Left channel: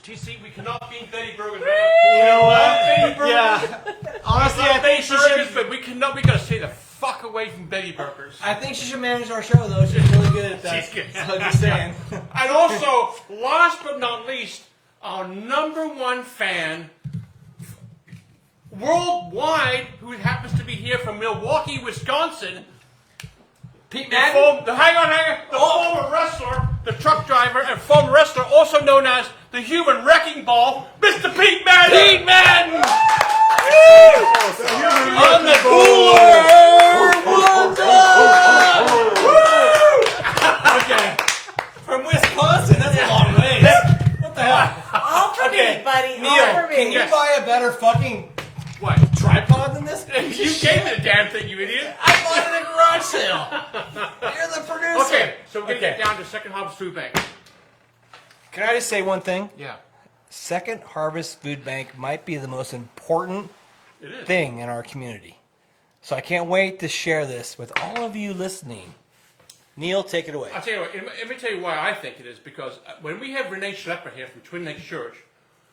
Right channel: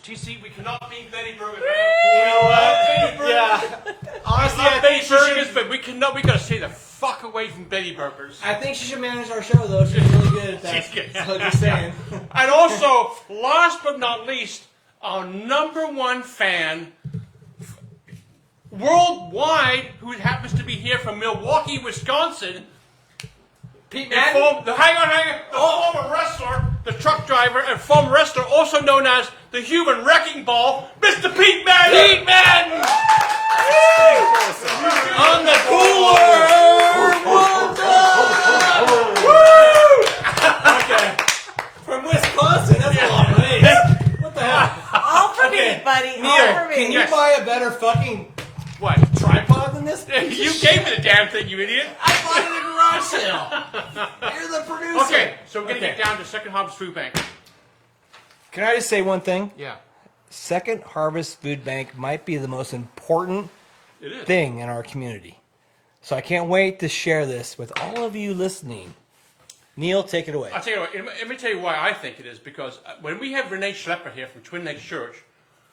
TC, we cannot beat Betty Burgers. I love Betty Burgers, but we cannot. We gotta stay the fuck away from Betty Burgers. I think she should manage our show, though. She's really good at that. So just saying. And also, last but not least, our number one fan worldwide, who happens to be here from Milwaukee, Wisconsin. The former wrestler, the truck driver, and former wrestler, also known as the human wrecking ball, Mr. Pete Madden! The human wrecking ball! From Wisconsin, that's a long way. What the hell? All for me, buddy. All for me. Can you buy a better fucking What? tripod than this? You gave me the damn thing, you idiot! I bought it at a garage sale. You're the producer. Okay, so we're gonna get down to Second Harvest Food Bank. Can I just say one thing? Yeah. Second Harvest Food Bank might be the most important It is. thing in our community. So I can't wait to share this with all of you listening. Neil, take it away. I'll tell you what, let me tell you why I think it is, because when we have Renee Schlepper here from Twin Lakes Church,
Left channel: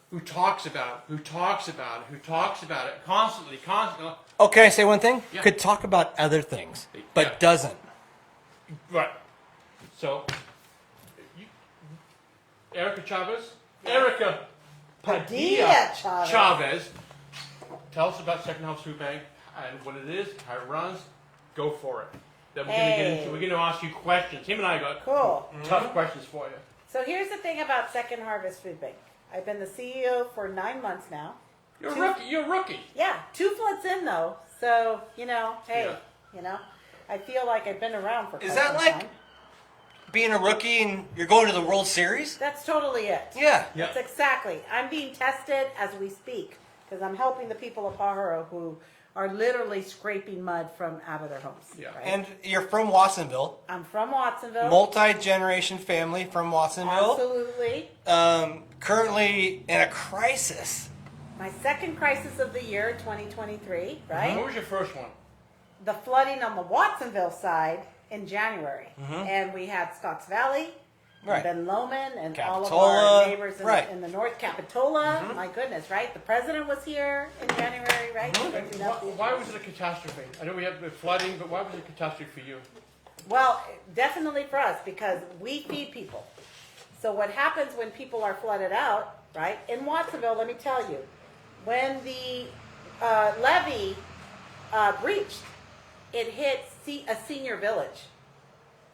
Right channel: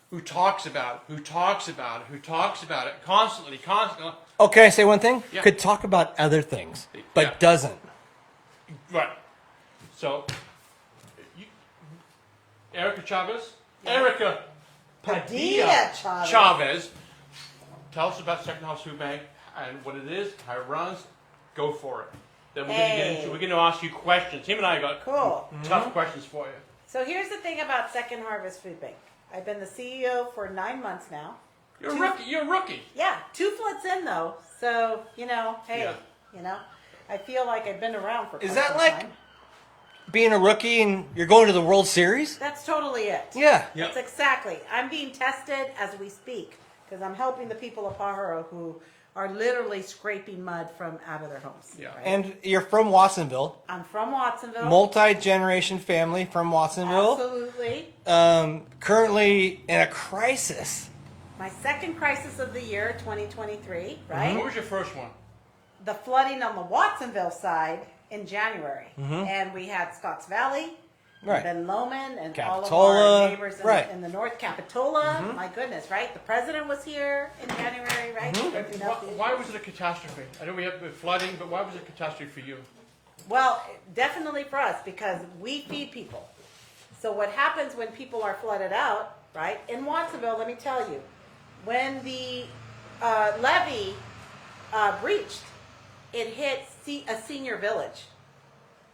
who talks about it constantly. Okay, say one thing? Yeah. Could talk about other things. Yeah. That doesn't. Right. So, Erica Chavez? Yeah. Erica Padilla-Chavez. Chavez. Tell us about Second Harvest Food Bank and what it is, how it runs. Go for it. Then we're going to ask you questions. Him and I got tough questions for you. So here's the thing about Second Harvest Food Bank. I've been the CEO for 9 months now. You're a rookie. Yeah, 2 floods in though. So, hey, Yeah. I feel like I've been around for quite some time. Being a rookie and you're going to the World Series? That's totally it. Yeah. Yep. That's exactly. I'm being tested as we speak because I'm helping the people of Pajaro who are literally scraping mud from out of their homes. Yeah. Right? And you're from Watsonville. I'm from Watsonville. Multi-generation family from Watsonville. Absolutely. Currently in a crisis. My second crisis of the year, 2023, right? What was your first one? The flooding on the Watsonville side in January. And we had Scotts Valley, and Ben Lomond, and all of our Capitola, neighbors right. in the North Capitola. My goodness, right? The president was here in January, right? Ripping up these- Why was it a catastrophe? I know we have the flooding, but why was it a catastrophe for you? Well, definitely for us because we feed people. So what happens when people are flooded out, right? In Watsonville, let me tell you, when the levee breached, it hit a senior village.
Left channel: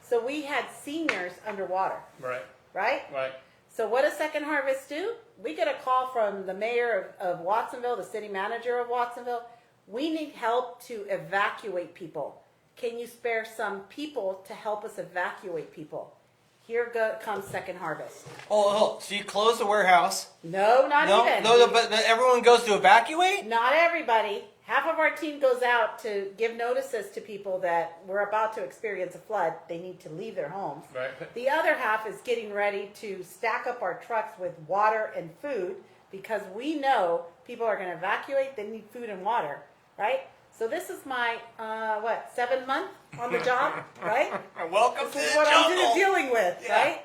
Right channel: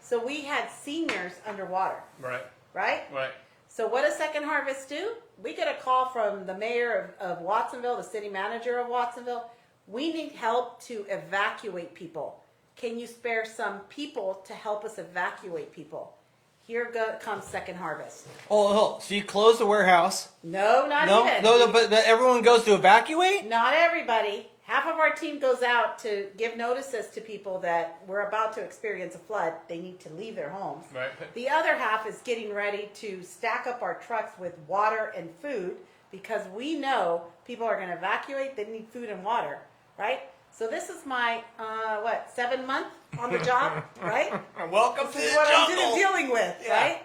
So we had seniors underwater, Right. right? Right. So what does Second Harvest do? We get a call from the mayor of Watsonville, the city manager of Watsonville. We need help to evacuate people. Can you spare some people to help us evacuate people? Here comes Second Harvest. Oh, you close the warehouse. No, not even. Everyone goes to evacuate? Not everybody. Half of our team goes out to give notices to people that we're about to experience a flood. They need to leave their homes. Right. The other half is getting ready to stack up our trucks with water and food because we know people are going to evacuate. They need food and water, right? So this is my, 7 month on the job, right? This is what I'm dealing with, right?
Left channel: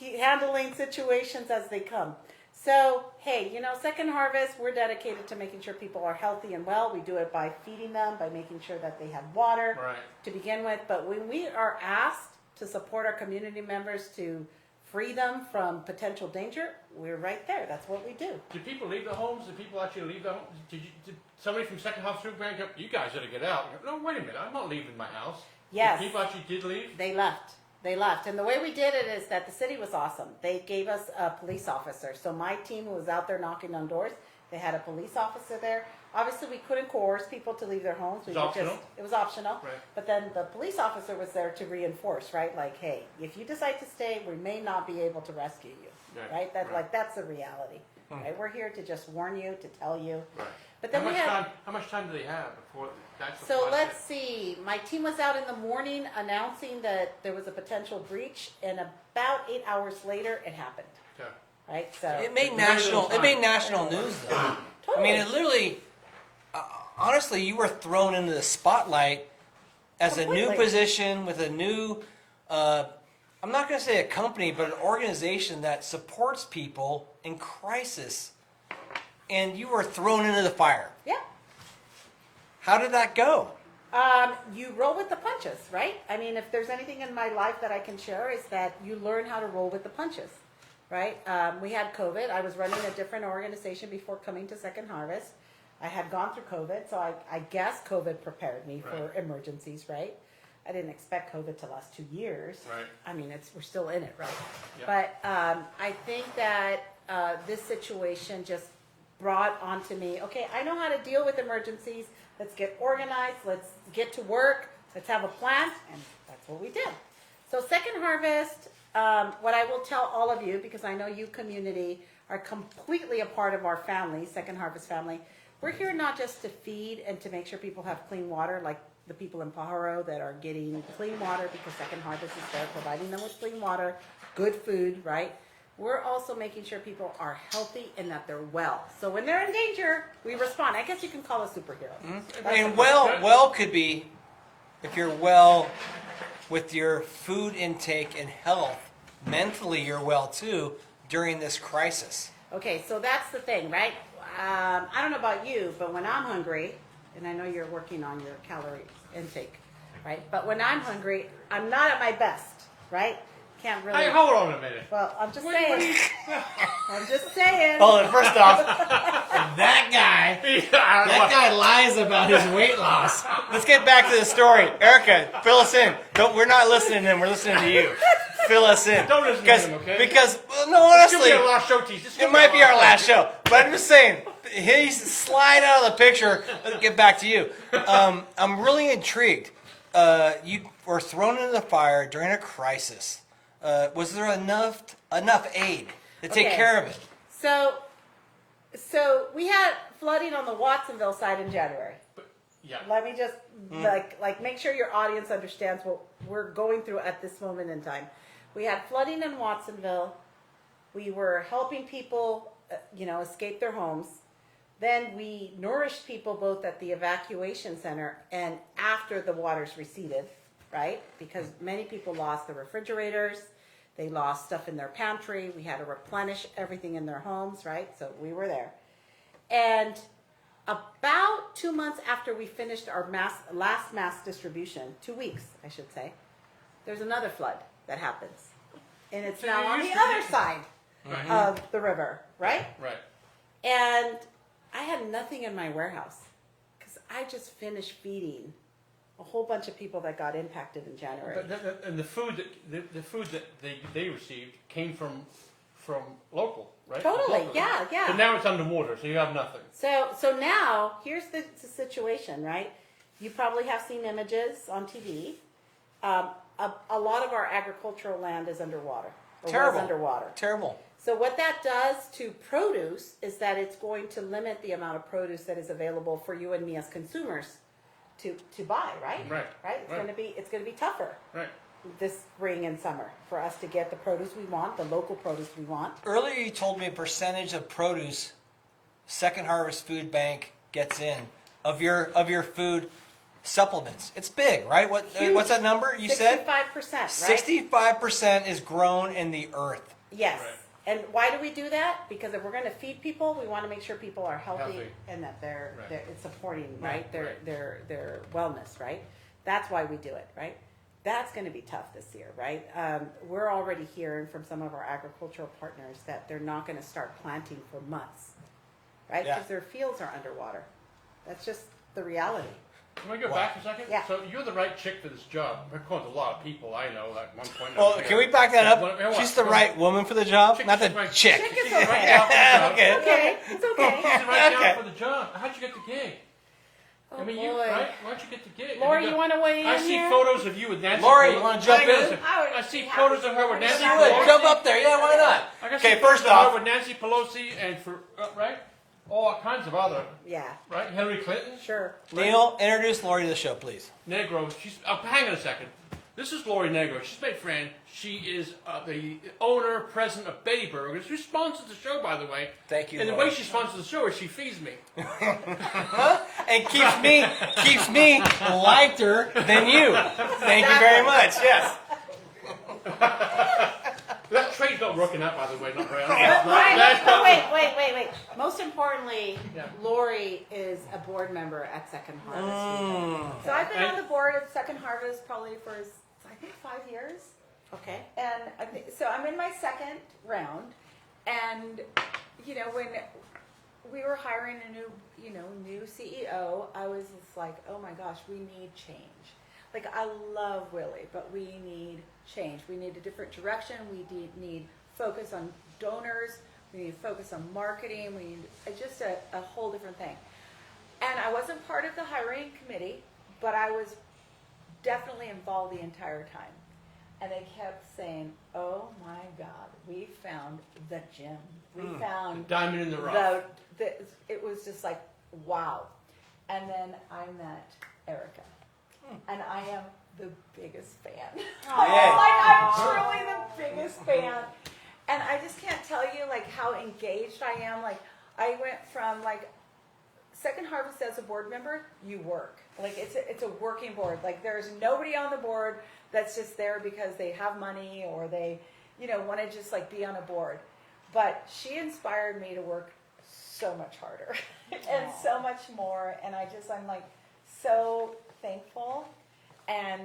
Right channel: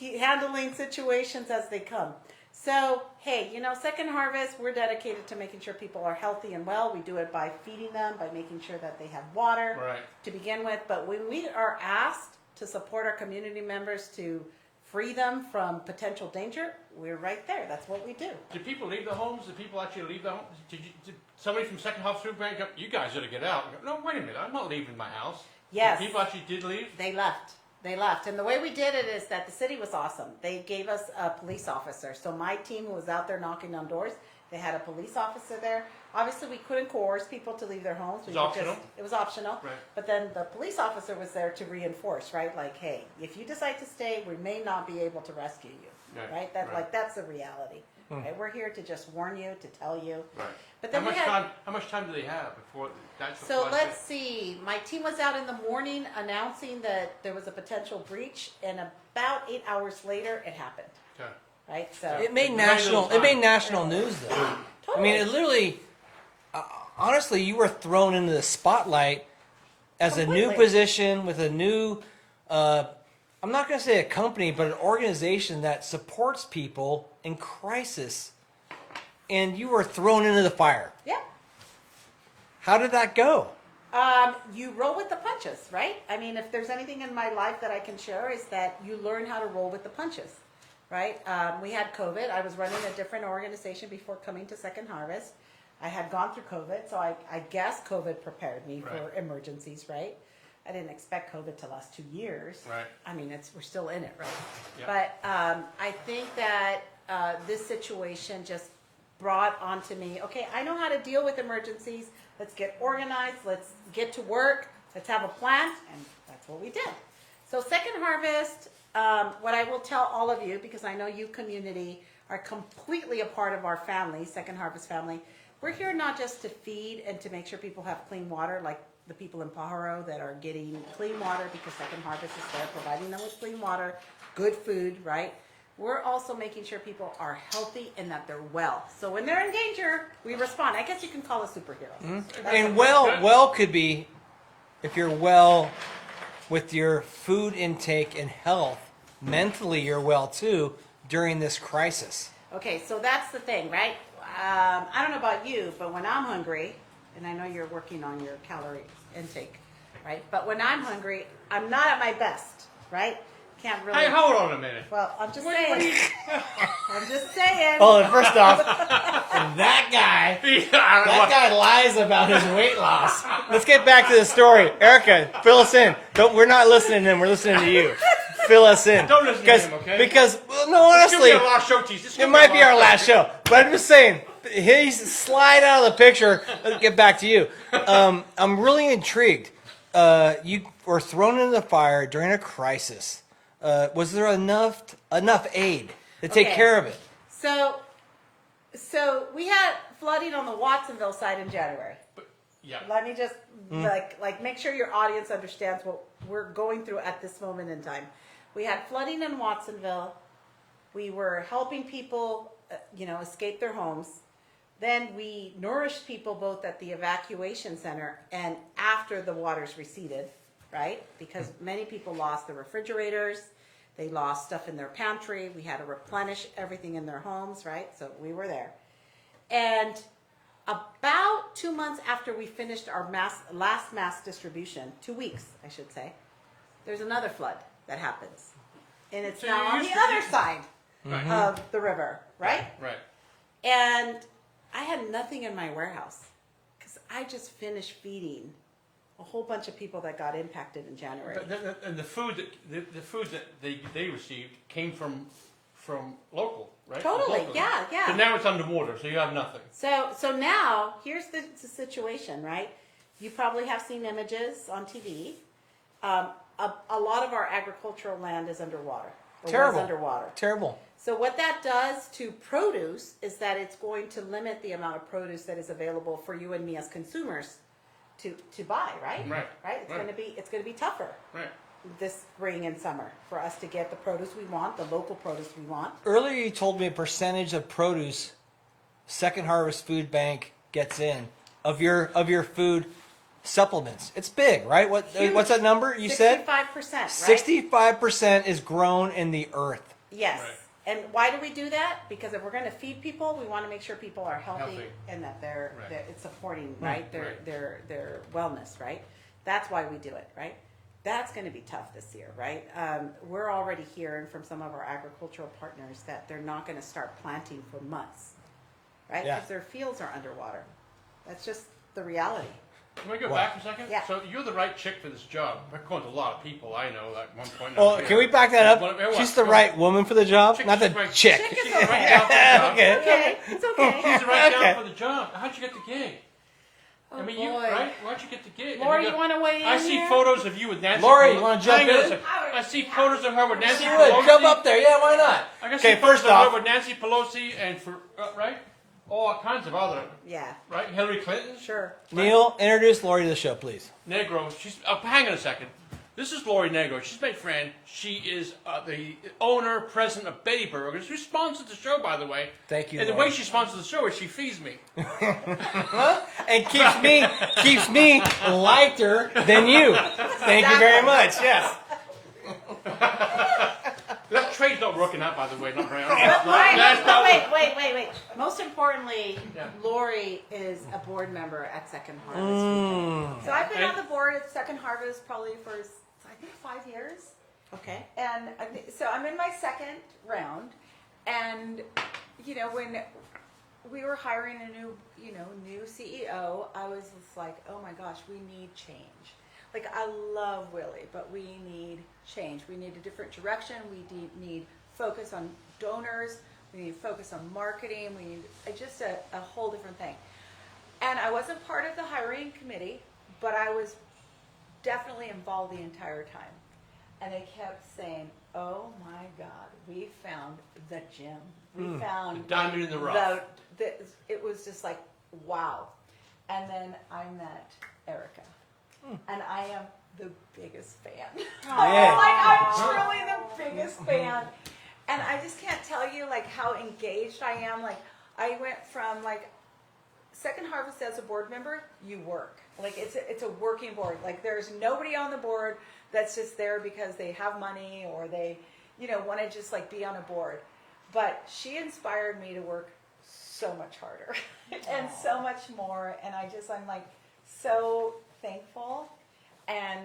Handling situations as they come. So, hey, Second Harvest, we're dedicated to making sure people are healthy and well. We do it by feeding them, by making sure that they have water to begin with. But when we are asked to support our community members to free them from potential danger, we're right there. That's what we do. Did people leave their homes? Did people actually leave their homes? Did somebody from Second Harvest Food Bank go, you guys got to get out? You go, no, wait a minute. I'm not leaving my house. Yes. People actually did leave? They left. And the way we did it is that the city was awesome. They gave us a police officer. So my team who was out there knocking on doors, they had a police officer there. Obviously, we couldn't coerce people to leave their homes. It was optional? It was optional. Right. But then the police officer was there to reinforce, right? Like, hey, if you decide to stay, we may not be able to rescue you, right? That's the reality, right? We're here to just warn you, to tell you. Right. But then how much time do they have before that's the So flood let's hit? see. My team was out in the morning announcing that there was a potential breach, and about 8 hours later, it happened. Okay. Right? So, It made Very little time. national news. totally. I mean, it literally, honestly, you were thrown into the spotlight as Completely. a new position, with a new I'm not going to say a company, but an organization that supports people in crisis, and you were thrown into the fire. Yep. How did that go? You roll with the punches, right? I mean, if there's anything in my life that I can share is that you learn how to roll with the punches, right? We had COVID. I was running a different organization before coming to Second Harvest. I had gone through COVID, so I guess COVID prepared me for emergencies, right? I didn't expect COVID to last 2 years. Right. I mean, we're still in it, right? Yep. But I think that this situation just brought onto me, okay, I know how to deal with emergencies. Let's get organized. Let's get to work. Let's have a plan. And that's what we did. So Second Harvest, what I will tell all of you, because I know you community are completely a part of our family, Second Harvest family, we're here not just to feed and to make sure people have clean water, like the people in Pajaro that are getting clean water because Second Harvest is there, providing them with clean water, good food, right? We're also making sure people are healthy and that they're well. So when they're in danger, we respond. I guess you can call us superheroes. That's And well could be, if you're well with your food intake and health, mentally you're well too during this crisis. Okay, so that's the thing, right? I don't know about you, but when I'm hungry, and I know you're working on your calorie intake, right? But when I'm hungry, I'm not at my best, right? Can't really. Hey, hold on a minute. Well, I'm just What saying. I'm just saying. Oh, first of all, that guy Yeah, guy lies about his weight loss. Let's get back to the story. Erica, fill us in. But we're not listening to him, we're listening to you. Fill us in. Don't listen to him, okay? Because This could be a lost show tease. This could be a lost show. But I'm just saying, he's sliding out of the picture. Let's get back to you. I'm really intrigued. You were thrown into the fire during a crisis. Was there enough aid to take care of it? So we had flooding on the Watsonville side in January. Yeah. Let me just like make sure your audience understands what we're going through at this moment in time. We had flooding in Watsonville. We were helping people, escape their homes. Then we nourished people both at the evacuation center and after the waters receded, right? Because many people lost their refrigerators. They lost stuff in their pantry. We had to replenish everything in their homes, right? So we were there. And about 2 months after we finished our last mass distribution, 2 weeks, I should say, there's another flood that happens. And it's So now you're on the used to other it. side Right. of the river, right? Right. And I had nothing in my warehouse because I just finished feeding a whole bunch of people that got impacted in January. And the food that they received came from local, right? Totally, Locally. yeah. But now it's underwater, so you have nothing. So now here's the situation, right? You probably have seen images on TV. A lot of our agricultural land is underwater or was Terrible. underwater. Terrible. So what that does to produce is that it's going to limit the amount of produce that is available for you and me as consumers to buy, right? Right. Right. It's going to be tougher Right. this spring and summer for us to get the produce we want, the local produce we want. Earlier you told me a percentage of produce Second Harvest Food Bank gets in of your food supplements. It's big, right? What's the number? You 65%, right? 65% is grown in the earth. Yes. Right. And why do we do that? Because if we're going to feed people, we want to make sure people are healthy, Healthy. and that they're it's supporting, right? Right. Their wellness, right? That's why we do it, right? That's going to be tough this year, right? We're already hearing from some of our agricultural partners that they're not going to start planting for months, right? Because their fields are underwater. That's just the reality. Can we go back a second? Yeah. So you're the right chick for this job. According to a lot of people I know, like one point Well, over can here. we back that up? What- Who's the go- right woman for the job? Chick, Not she's the right. chick. Chick is She's the right okay. gal for the job. Okay, it's okay. She's the right gal for the job. How'd you get the gig? Oh, I mean, boy. you right? Why'd you get the gig? Laurie, Have you got- want to weigh in I see here? photos of you with Nancy Laurie, you Pelosi. wanna Hang on a do second. I see photos of her with Nancy Come Pelosi. up there. Yeah, why not? I can see photos of her with Nancy Pelosi and for right, all kinds of other Yeah, right. Hillary Clinton, sure. Neil, introduce Laurie to this stuff, please. Negro. She's. Oh, hang on a second. This is Laurie Negro. She's my friend. She is the owner, president of Betty Burgers, who sponsors the show, by the way. Thank you. And the way she sponsors the show is she feeds me. And keeps me lighter than you. Thank you very Exactly. much. Yeah. That trade's not working out, by the way. Not very. Wait. Most importantly, Yeah. Laurie is a board member at Second Harvest. Mm. So I've been on the board at Second Harvest probably for, I think, 5 years. Okay. And I think, so I'm in my second round. And, when we were hiring a new CEO, I was just like, oh my gosh, we need change. Like, I love Willie, but we need change. We need a different direction. We need focus on donors. We need focus on marketing. We need just a whole different thing. And I wasn't part of the hiring committee, but I was definitely involved the entire time. And they kept saying, oh my God, we found the gem. We found The diamond in the rough. it was just like, wow. And then I met Erica. And I am the biggest fan. I'm truly the biggest fan. And I just can't tell you like how engaged I am. Like I went from like Second Harvest as a board member, you work. Like it's a working board. Like there's nobody on the board that's just there because they have money or they, want to just like be on a board. But she inspired me to work so much harder and so much more. And I'm like so thankful and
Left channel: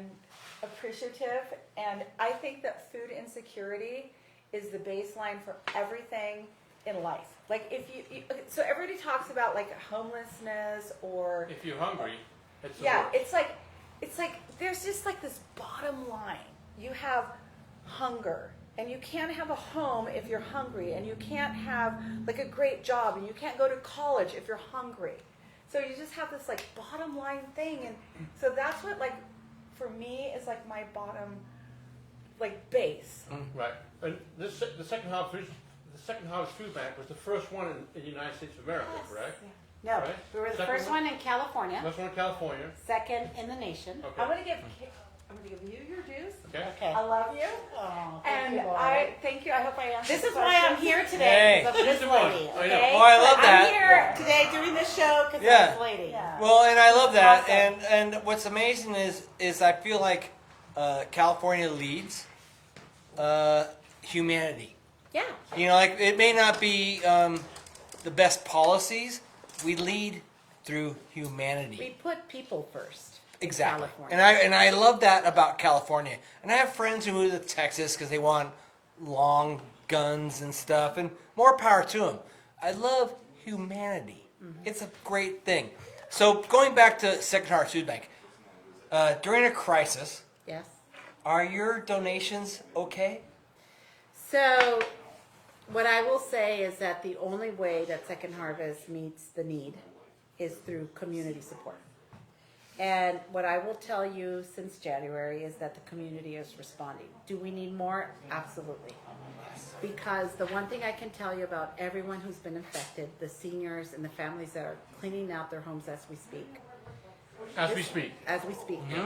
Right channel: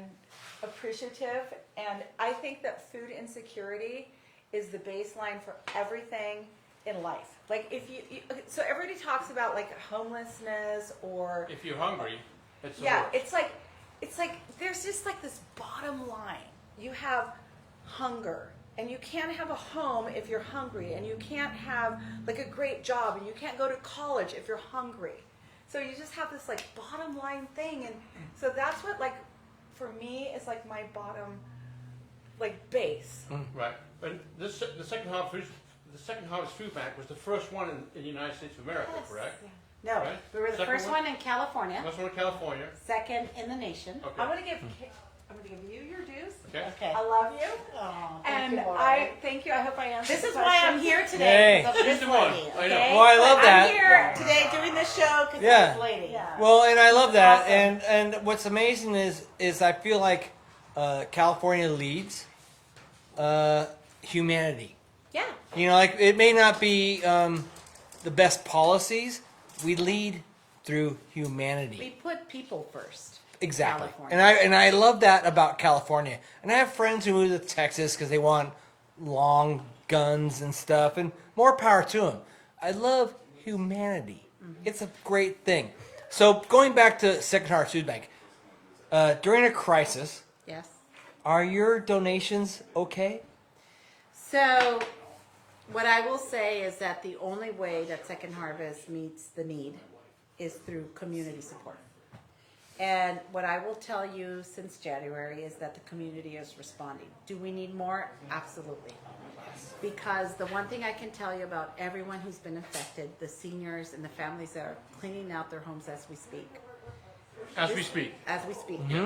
appreciative. And I think that food insecurity is the baseline for everything in life. Like if you so everybody talks about like homelessness or If you're hungry, it's the yeah, worst. it's like there's just like this bottom line. You have hunger. And you can't have a home if you're hungry, and you can't have like a great job, and you can't go to college if you're hungry. So you just have this like bottom line thing, and so that's what like for me is like my bottom like base. Right. And the Second Harvest Food Bank was the first one in the United States of America, correct? Yeah. No, Right. we were the The first one in California, That's one in California. second in the nation. Okay. I'm gonna give you your dues. Okay. Okay. I love you, Oh, thank and you, Laurie. I thank you. I hope I answered. This the is why I'm question. here today, because of this the one. lady, I know. okay? Well, I love I'm that. here Yeah. today doing this show because of Yeah. this lady. Yeah. Well, and I love that. Awesome. And what's amazing is I feel like California leads humanity. Yeah. Like it may not be the best policies. We lead through humanity. We put people first in Exactly. California. And I love that about California. And I have friends who live in Texas because they want long guns and stuff, and more power to them. I love humanity. It's a great thing. So going back to Second Harvest Food Bank, during a crisis, Yes. are your donations okay? So, what I will say is that the only way that Second Harvest meets the need is through community support. And what I will tell you since January is that the community is responding. Do we need more? Absolutely. Because the one thing I can tell you about everyone who's been affected, the seniors and the families that are cleaning out their homes as we speak. As we speak. As we speak. Yeah.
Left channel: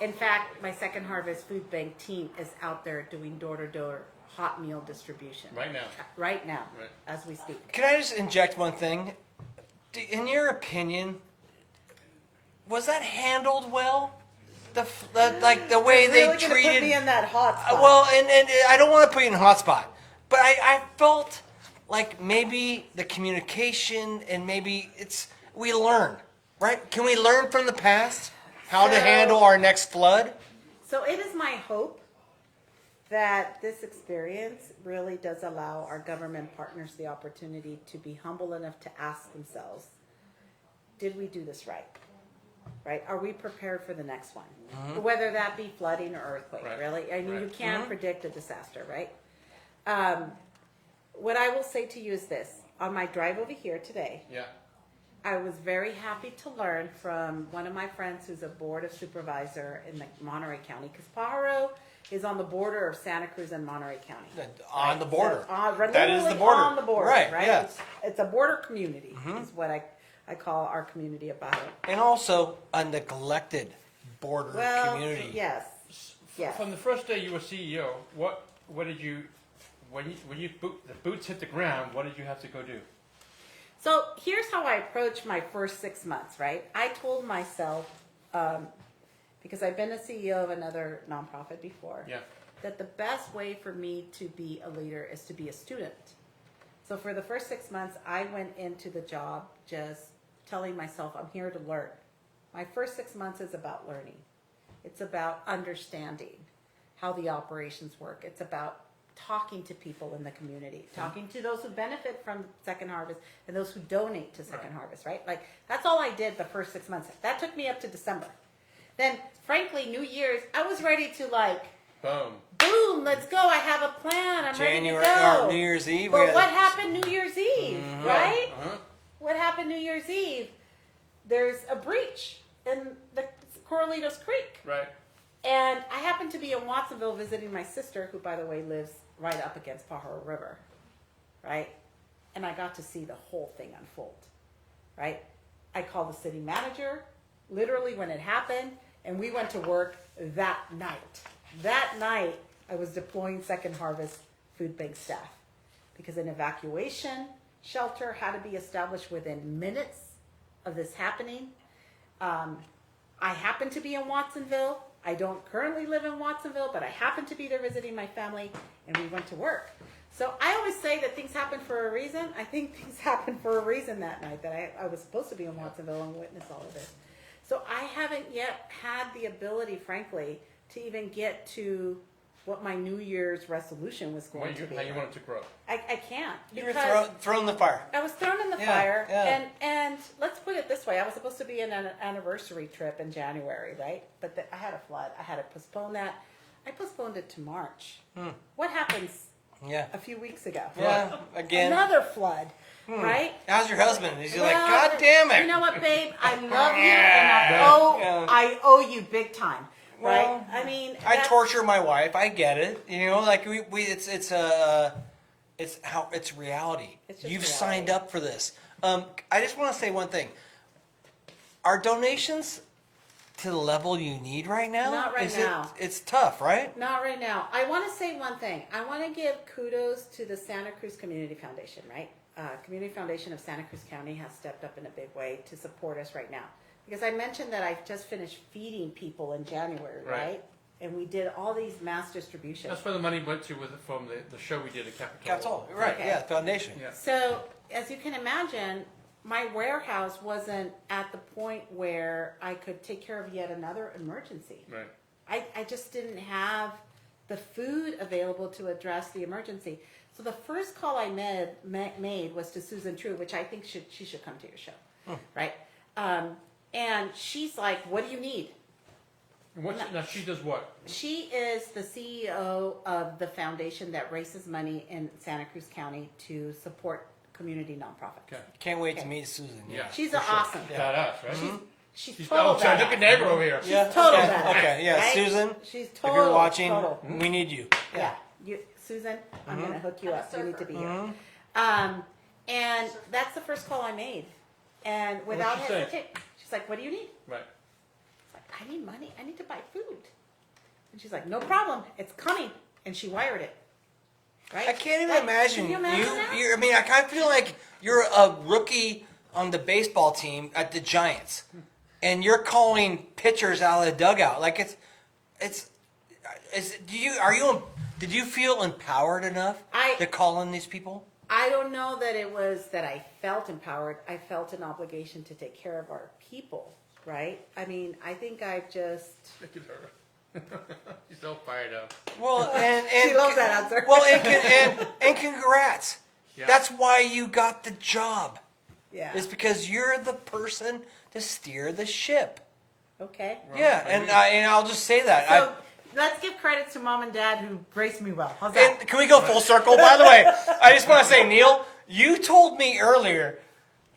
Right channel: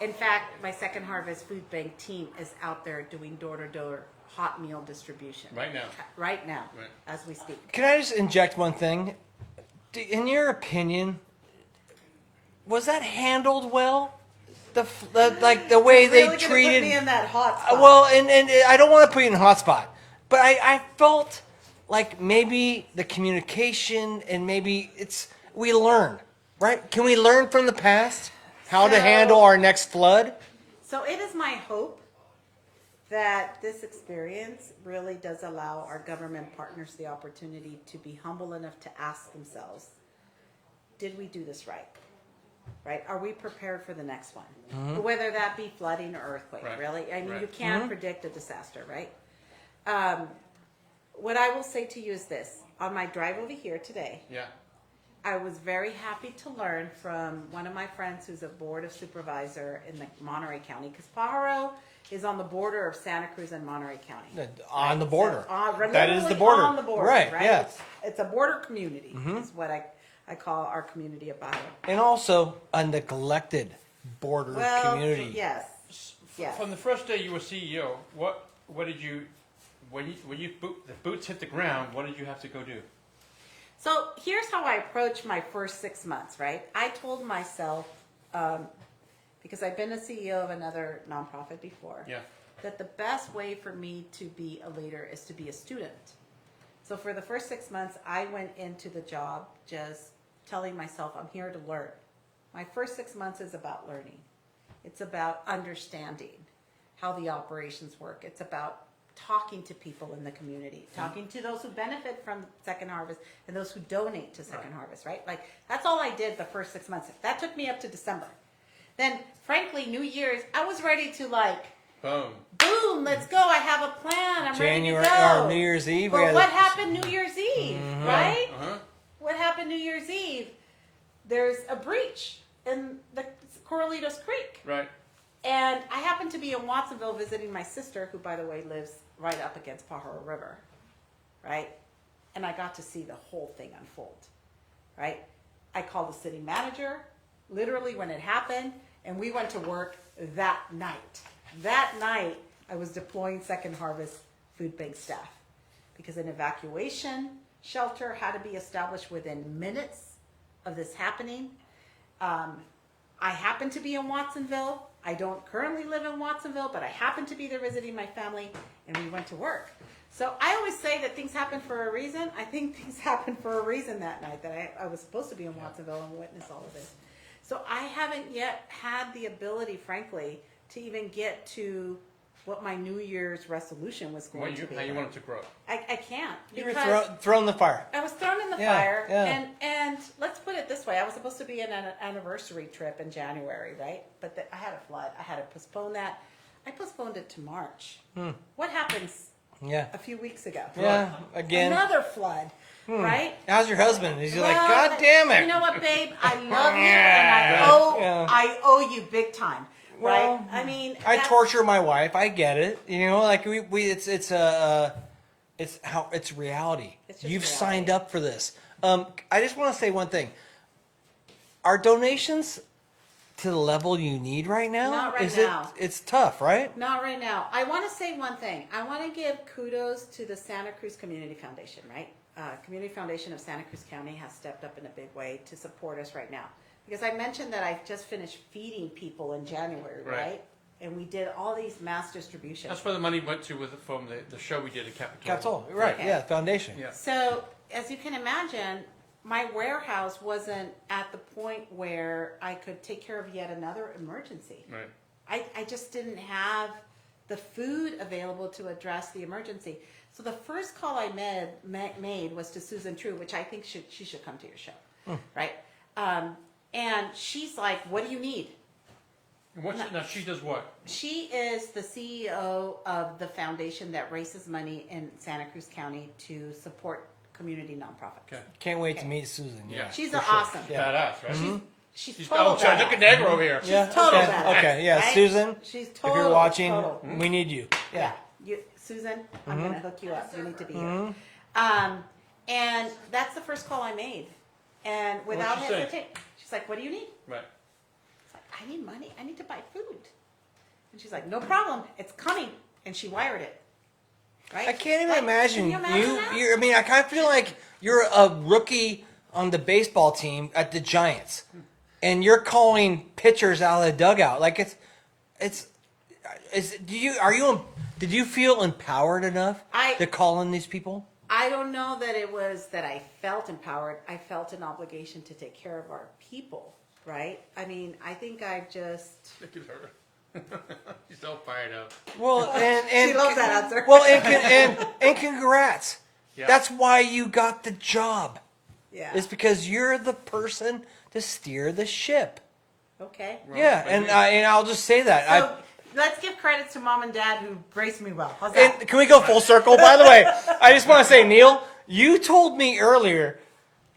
In fact, my Second Harvest Food Bank team is out there doing door-to-door hot meal distribution. Right now. Right now, Right. as we speak. Can I just inject one thing? In your opinion, was that handled well? The way You're really they gonna put me treated- in that hot spot. Well, and I don't want to put you in a hot spot, but I felt like maybe the communication and maybe we learn, right? Can we learn from the past how to So- handle our next flood? So it is my hope that this experience really does allow our government partners the opportunity to be humble enough to ask themselves, did we do this right? Right? Are we prepared for the next one? Whether that be flooding or earthquake, Right. really? I mean, Right. you can't predict a disaster, right? What I will say to you is this. On my drive over here today, Yeah. I was very happy to learn from one of my friends who's a board of supervisor in the Monterey County, because Pajaro is on the border of Santa Cruz and Monterey County. On the So, border. we're literally That is the border. on the border, Right, right? yeah. It's a border community, is what I call our community of Pajaro. And also a neglected border Well, community. yes. Yes. From the first day you were CEO, what did you when the boots hit the ground? What did you have to go do? So here's how I approached my first 6 months, right? I told myself, because I've been a CEO of another nonprofit before, Yeah. that the best way for me to be a leader is to be a student. So for the first 6 months, I went into the job just telling myself, I'm here to learn. My first 6 months is about learning. It's about understanding how the operations work. It's about talking to people in the community, talking to those who benefit from Second Harvest and those who donate to Second Harvest, right? Like, that's all I did the first 6 months. That took me up to December. Then, frankly, New Year's, I was ready to boom, let's go. I have a plan. I'm ready to go. New Year's Eve, But right. what happened New Year's Eve, right? Uh-huh. What happened New Year's Eve? There's a breach in the Corralitos Creek. Right. And I happened to be in Watsonville visiting my sister, who, by the way, lives right up against Pajaro River, right? And I got to see the whole thing unfold, right? I called the city manager, literally when it happened, and we went to work that night. That night, I was deploying Second Harvest food bank staff because an evacuation shelter had to be established within minutes of this happening. I happened to be in Watsonville. I don't currently live in Watsonville, but I happened to be there visiting my family, and we went to work. So I always say that things happen for a reason. I think things happened for a reason that night, that I was supposed to be in Watsonville and witness all of this. So I haven't yet had the ability, frankly, to even get to what my New Year's resolution was going to be. How you want it to grow? I can't, because Throw in the fire. I was thrown in the fire, yeah. and let's put it this way: I was supposed to be on an anniversary trip in January, right? But I had a flood. I had to postpone that. I postponed it to March. What happens a few weeks ago? Right. Another flood, right? How's your husband? He's Well, like, "God damn it." you know what, babe? I love you, and Right. I owe you big time, right? Yeah. I mean, I that's torture my wife. I get it. You know, like it's reality. It's just You've reality. signed up for this. I just want to say one thing. Are donations to the level you need right now? Not right now. It's tough, right? Not right now. I want to say one thing. I want to give kudos to the Santa Cruz Community Foundation, right? Community Foundation of Santa Cruz County has stepped up in a big way to support us right now. Because I mentioned that I've just finished feeding people in January, right? And we did all these mass distributions. That's where the money went to from the show we did at Capitol. That's all. Right. Okay. Yeah, foundation. Yeah. So, as you can imagine, my warehouse wasn't at the point where I could take care of yet another emergency. Right. I just didn't have the food available to address the emergency. So the first call I made was to Susan True, which I think she should come to your show, right? And she's like, "What do you need?" And now she does what? She is the CEO of the foundation that raises money in Santa Cruz County to support community nonprofits. Okay. Can't wait to Okay. meet Susan. Yeah. She's awesome. Badass, right? She's total badass. Look at Negro over here. She's total Yeah, badass, okay, yeah. right? Susan, She's if you're watching, total. We need you. Yeah, Susan, I'm gonna hook you up. You need to be here. Mhm. And that's the first call I made, and without she say? hesitation, she's like, "What do you need?" Right. It's like, "I need money. I need to buy food." And she's like, "No problem. It's coming." And she wired it. Right? I can't Like, imagine. can you imagine that? I mean, I feel like you're a rookie on the baseball team at the Giants, and you're calling pitchers out of the dugout. Like did you feel empowered enough to call in these people? I don't know that it was that I felt empowered. I felt an obligation to take care of our people, right? I mean, I think I've just... Look at her. She's so fired up. Well, She loves that answer. Well, and congrats. Yeah. That's why you got the job. Yeah. It's because you're the person to steer the ship. Okay. Well, Yeah, maybe. and I'll just say that. So let's give credit to mom and dad who braced me well. How's that? Can we go full circle? By the way, I just want to say, Neil, you told me earlier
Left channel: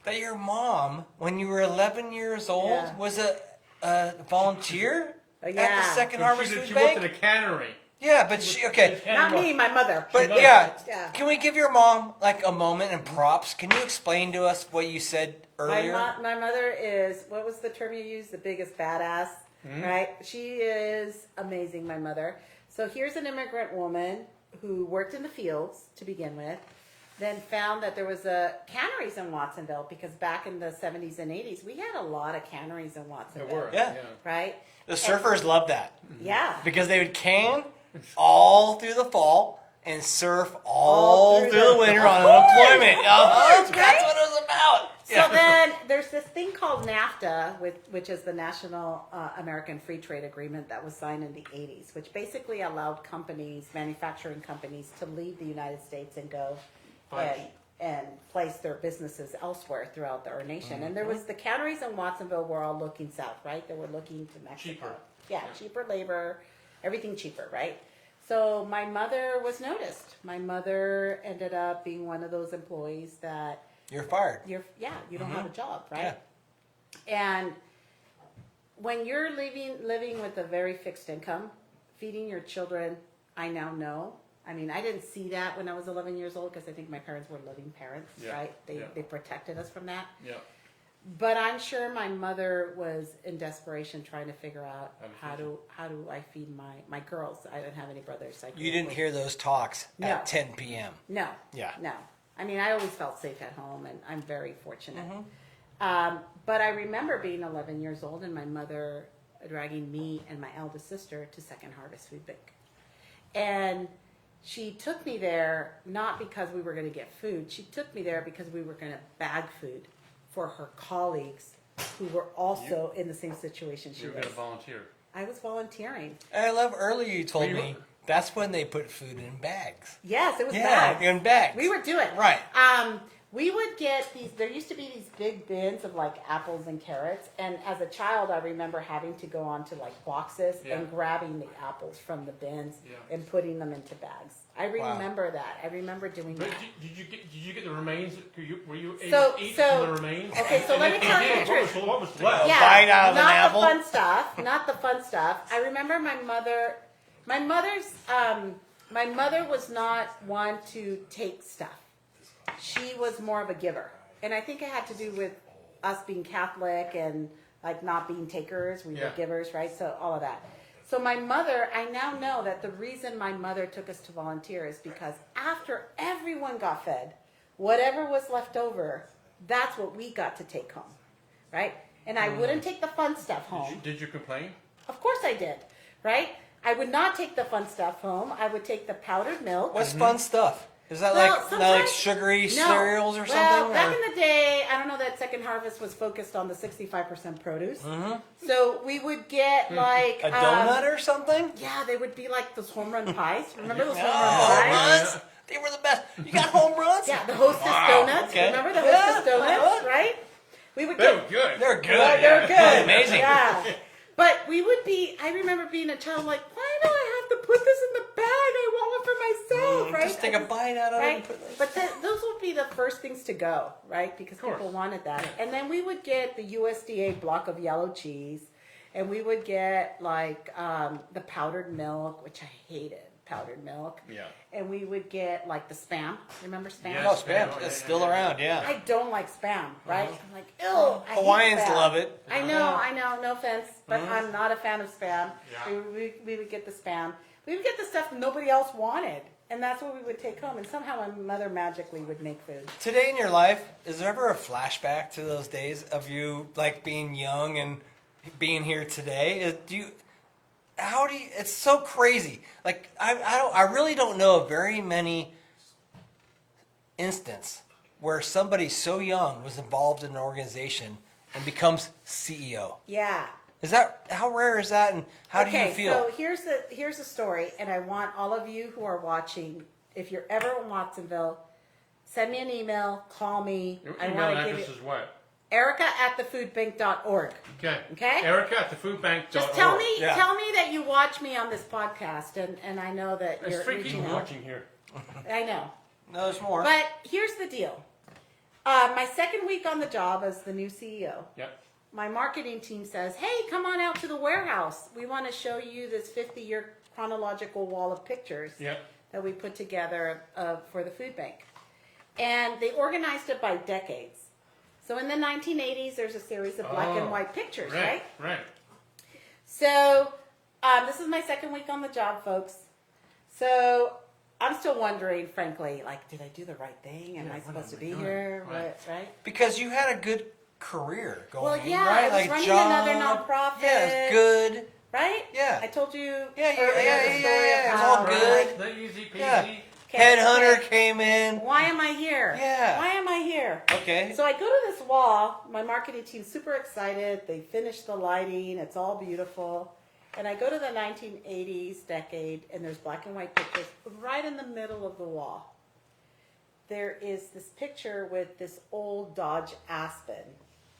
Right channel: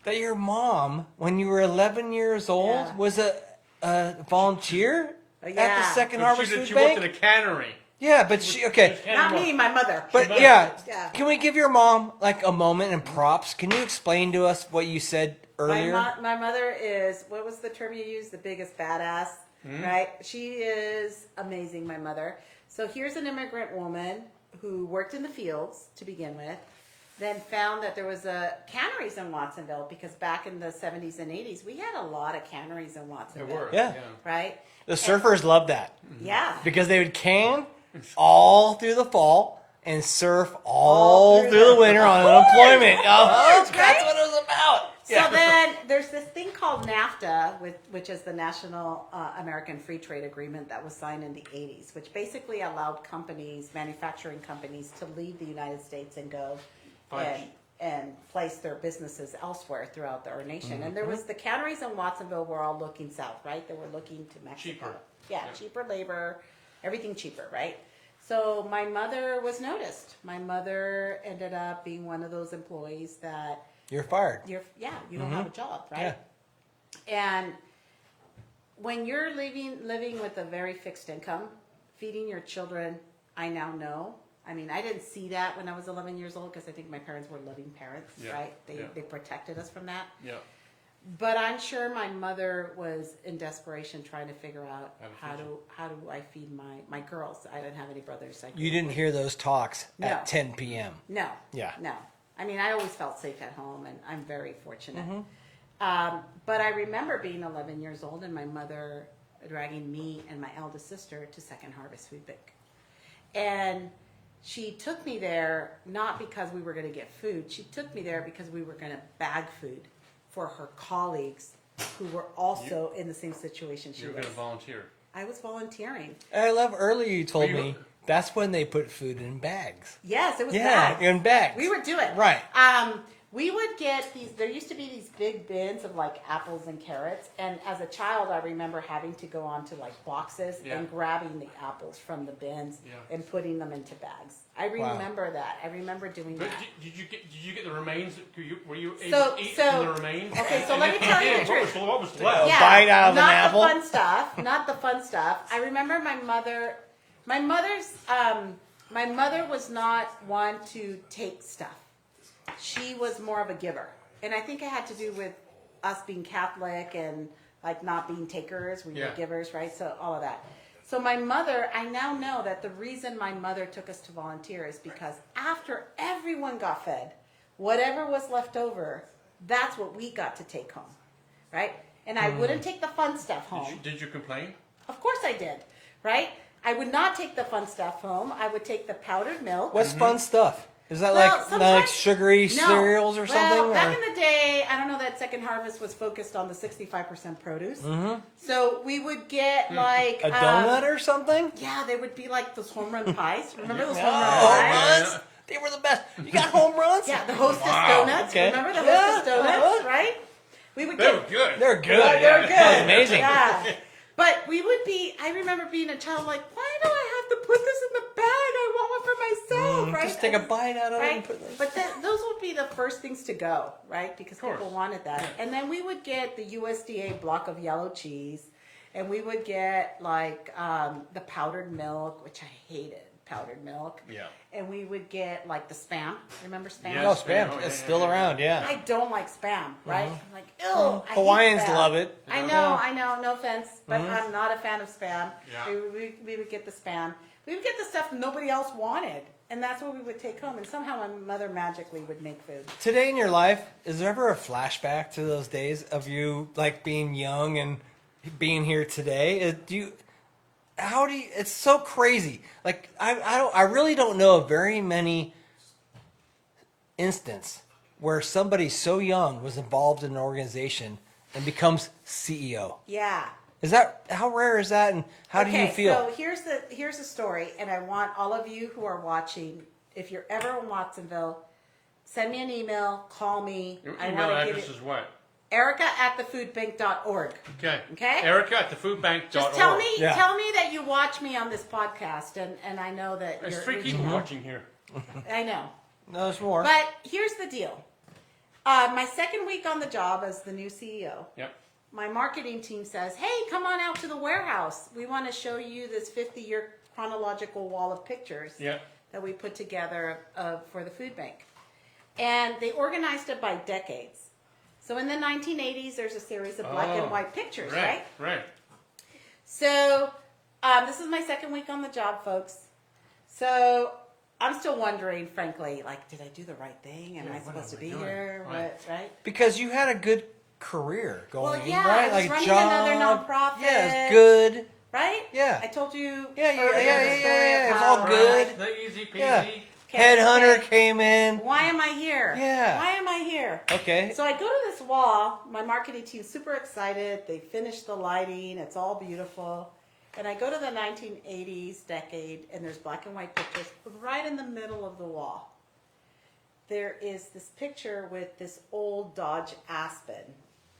that your mom, when you were 11 years old, Yeah. was a volunteer? Yeah. At the Second So Harvest she worked in Food a cannery. Bank? Yeah, but okay. Not me, my mother. But mother. yeah. Can we give your mom like a moment and props? Can you explain to us what you said earlier? My mother is, what was the term you used? The biggest badass, right? She is amazing, my mother. So here's an immigrant woman who worked in the fields to begin with, then found that there was a canneries in Watsonville, because back in the 70s and 80s, we had a lot of canneries in Watsonville. There were. Yeah. Yeah. Right? The surfers love that Yeah. because they would can all through the fall and surf all through through the- winter. of course, right? So So then there's this thing called NAFTA, which is the National American Free Trade Agreement that was signed in the 80s, which basically allowed companies, manufacturing companies, to leave the United States and go and place their businesses elsewhere throughout our nation. And there was the canneries in Watsonville were all looking south, right? They were looking to Mexico. Cheaper. Yeah, cheaper labor, everything cheaper, right? So my mother was noticed. My mother ended up being one of those employees that you're fired. you don't have a job, right? And when you're living with a very fixed income, feeding your children, I now know. I mean, I didn't see that when I was 11 years old because I think my parents were loving parents, right? They protected us from that. Yeah. But I'm sure my mother was in desperation trying to figure out how do I feed my girls. I didn't have any brothers. You didn't hear those talks No. at 10 p.m. No. Yeah. No. I mean, I always felt safe at home, and I'm very fortunate. But I remember being 11 years old and my mother dragging me and my eldest sister to Second Harvest Food Bank. And she took me there not because we were going to get food. She took me there because we were going to bag food for her colleagues who were also in the same situation she You were was. going to volunteer. I was volunteering. And I love earlier you told me that's when they put food in bags. Yes, it was Yeah, bags. in bags. We would do it. Right. We would get these, there used to be these big bins of like apples and carrots. And as a child, I remember having to go onto like boxes and grabbing the apples from the bins and putting them into bags. I remember that. I remember doing But that. did you get the remains? Were you able to eat from the remains? Okay, so let me tell you the truth. What was left? Yeah, Sorry, not the fun stuff. Not the fun stuff. I remember my mother was not one to take stuff. She was more of a giver. And I think it had to do with us being Catholic and like not being takers. We were givers, right? So all of that. So my mother, I now know that the reason my mother took us to volunteer is because after everyone got fed, whatever was left over, that's what we got to take home, right? And I wouldn't take the fun stuff home. Did you complain? Of course I did, right? I would not take the fun stuff home. I would take the powdered milk. What fun stuff? Is that Well, like sometimes sugary no. cereals or Well, something? back in the day, I don't know that Second Harvest was focused on the 65% produce. So we would get like a donut or something? yeah, they would be like those home run pies. Remember those home run pies? Yeah, the Hostess donuts. Remember the Hostess donuts, right? We would They get were good. yeah, they were good. Yeah. But we would be, I remember being a child like, why do I have to put this in the bag? I want one for myself, right? Right? But those would be the first things to go, right? Because people wanted that. And then we would get the USDA block of yellow cheese. And we would get like the powdered milk, which I hated, powdered milk. Yeah. And we would get like the Spam. Remember Spam? Yes, Spam. Oh, yeah. I don't like Spam, right? I'm like, ew, I hate Hawaiians Spam. love it. I know, no offense, but I'm not a fan of Spam. Yeah. We would get the Spam. We would get the stuff nobody else wanted, and that's what we would take home, and somehow my mother magically would make food. Today in your life, is there ever a flashback to those days of you like being young and being here today? It's so crazy. Like I really don't know very many instances where somebody so young was involved in an organization and becomes CEO. Yeah. How rare is that? And how do Okay, you so feel? here's the story, and I want all of you who are watching, if you're ever in Watsonville, send me an email, call me. Your I email want to give address you is what? Erica@thefoodbank.org. Okay. Okay? Erica@thefoodbank.org. Just tell me that you watch me on this podcast, and I know that There's you're 3 reaching people out. watching here. I know. Not a four. But here's the deal. My second week on the job as the new CEO, Yep. my marketing team says, hey, come on out to the warehouse. We want to show you this 50-year chronological wall of pictures Yep. that we put together for the food bank. And they organized it by decades. So in the 1980s, there's a series of black and white pictures, right? Right. So this is my second week on the job, folks. So I'm still wondering, frankly, like, did I do the right thing? Am I supposed to be here? What, right? Because you had a good career. Well, going. yeah, You I was had a running job, another you had nonprofit. good right? Yeah. I told you Yeah, earlier yeah, the story of yeah, how, Right, like, the easy peasy. okay, okay, Came in. why am I here? Yeah. Why am I here? Okay. So I go to this wall. My marketing team's super excited. They finished the lighting. It's all beautiful. And I go to the 1980s decade, and there's black and white pictures. Right in the middle of the wall, there is this picture with this old Dodge Aspen.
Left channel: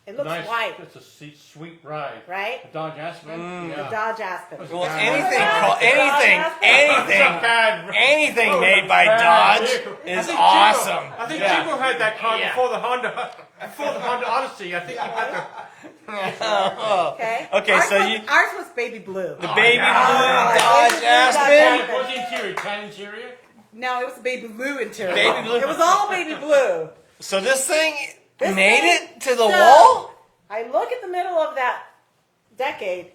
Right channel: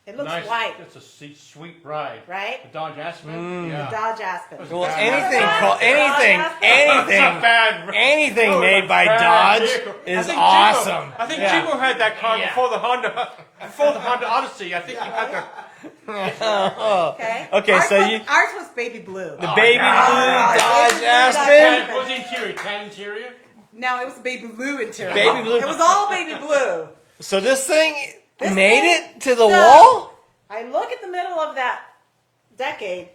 It looks Nice. white, It's a sweet ride. right? The Dodge Aspen? Yeah. The Dodge Aspen. That was You bad. remember that? The Dodge Aspen? It's a bad, Anything that was made a by bad Dodge vehicle. I is think awesome. Chico had that car before the Honda Odyssey. I think he had the. Okay. Okay, Ours, so was, you- ours was baby blue. Oh, Baby yeah. Baby blue Dodge Tan, Aspen. what's the interior? Tan interior? No, it was a baby blue interior. It was all baby blue. So this thing This made thing, it to the so wall? I look at the middle of that decade,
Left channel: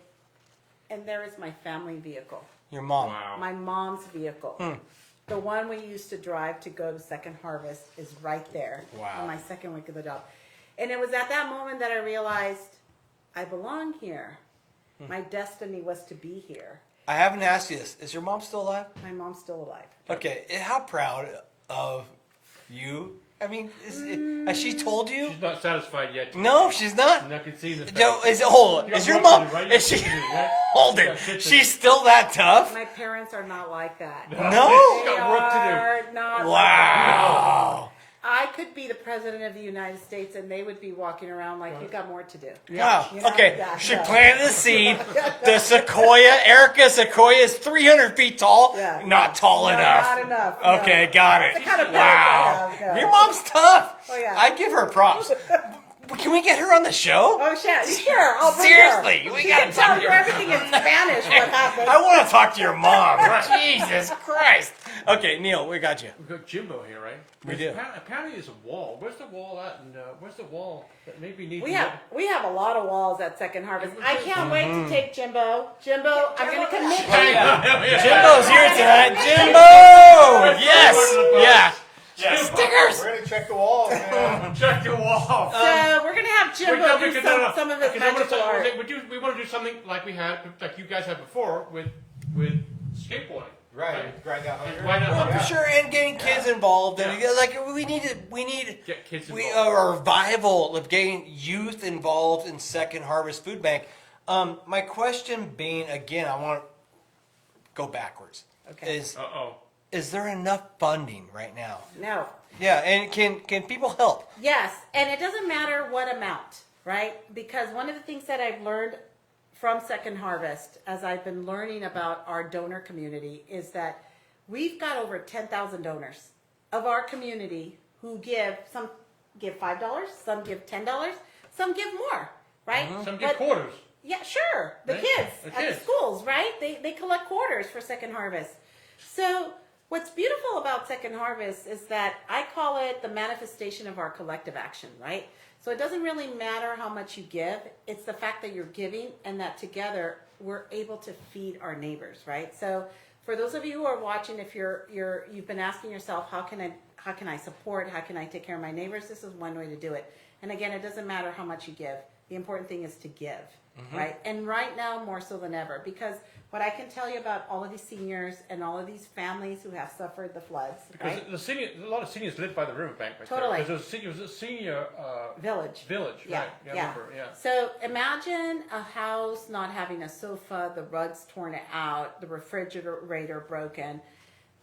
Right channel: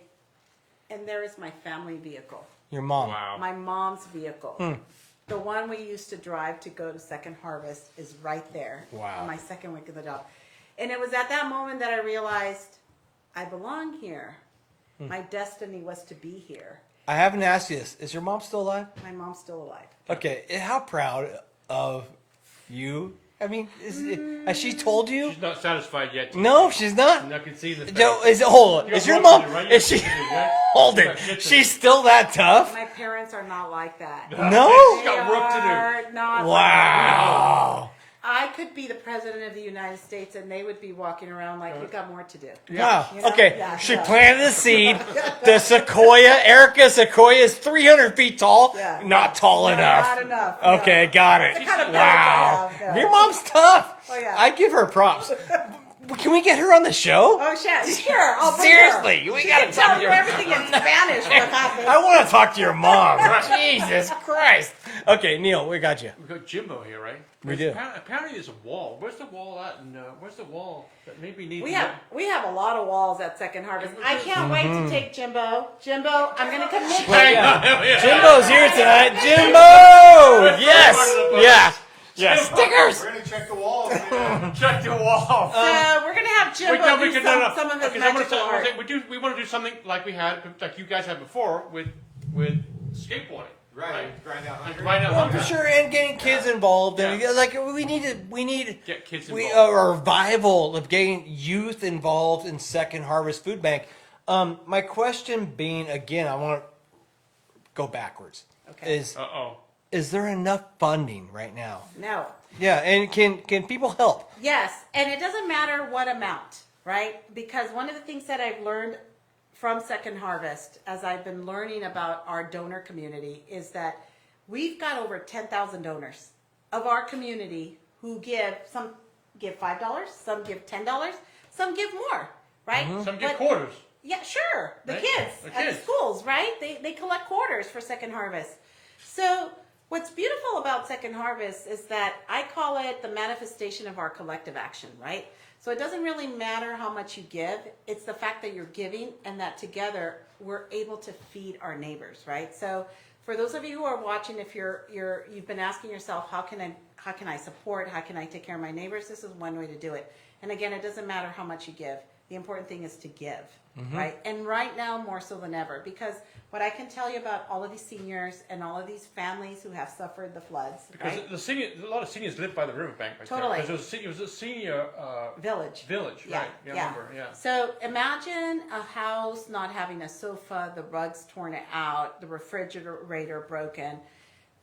and there is my family vehicle, Your mom. Wow. my mom's vehicle. The one we used to drive to go to Second Harvest is right there on my second week of the job. And it was at that moment that I realized I belong here. My destiny was to be here. I haven't asked you this. Is your mom still alive? My mom's still alive. Okay. And how proud of you? I mean, has she told you? She's not satisfied yet. TJ. No, she's not. And I can see in the face. No, hold on. You got work to do, right? You got shit to do, right? Hold You got it. shit to do. She's still not tough. My parents are not like that. She's got work to do. Are not like that at Wow. all. I could be the president of the United States, and they would be walking around like you got more to do. Yeah. You know? Okay. Yeah, The no. plan to see the sequoia, Erica sequoia is 300 feet tall. Yeah, Not taller no, than not that. enough. No. Okay, got That's it. the kind of parents I have. No. Your mom's tough. Oh yeah. I give her props. Can we get her on the show? Oh shit! Sure, I'll bring her. She can tell you everything in Spanish. What happened? I want to talk to your mom. Right. Jesus Christ. Okay, Neil, we got you. We've got Jimbo here, right? We do. Apparently there's a wall. Where's the wall at? And where's the wall that maybe needs We have a lot of walls at Second Harvest. I can't wait to take Jimbo. Jimbo, I'm going to commit to Hang you. on. Yes. We're gonna check the wall, man. Check the wall. So we're gonna have Jimbo do some of his magical art. We want to do something like you guys had before with skateboarding. Right, grind out hunger. Grind out hunger. Sure, and getting kids involved. Yeah. And like, we need Get kids a involved. revival of getting youth involved in Second Harvest Food Bank. My question being, again, I want to go backwards. Okay. Is there enough funding right now? No. Yeah, and can people help? Yes, and it doesn't matter what amount, right? Because one of the things that I've learned from Second Harvest, as I've been learning about our donor community, is that we've got over 10,000 donors of our community who give, some give $5, some give $10, some give more, right? Some get But- quarters. Yeah, sure. The Right? kids The at kids. the schools, right? They collect quarters for Second Harvest. So what's beautiful about Second Harvest is that I call it the manifestation of our collective action, right? So it doesn't really matter how much you give. It's the fact that you're giving and that together we're able to feed our neighbors, right? So for those of you who are watching, if you've been asking yourself, how can I support? How can I take care of my neighbors? This is one way to do it. And again, it doesn't matter how much you give. The important thing is to give, right? And right now, more so than ever, because what I can tell you about all of these seniors and all of these families who have suffered the floods, Because right? a lot of seniors live by the riverbank. Right Totally. There. It was a senior Village. village, Yeah, right? I remember. Yeah. So imagine a house not having a sofa, the rugs torn out, the refrigerator broken.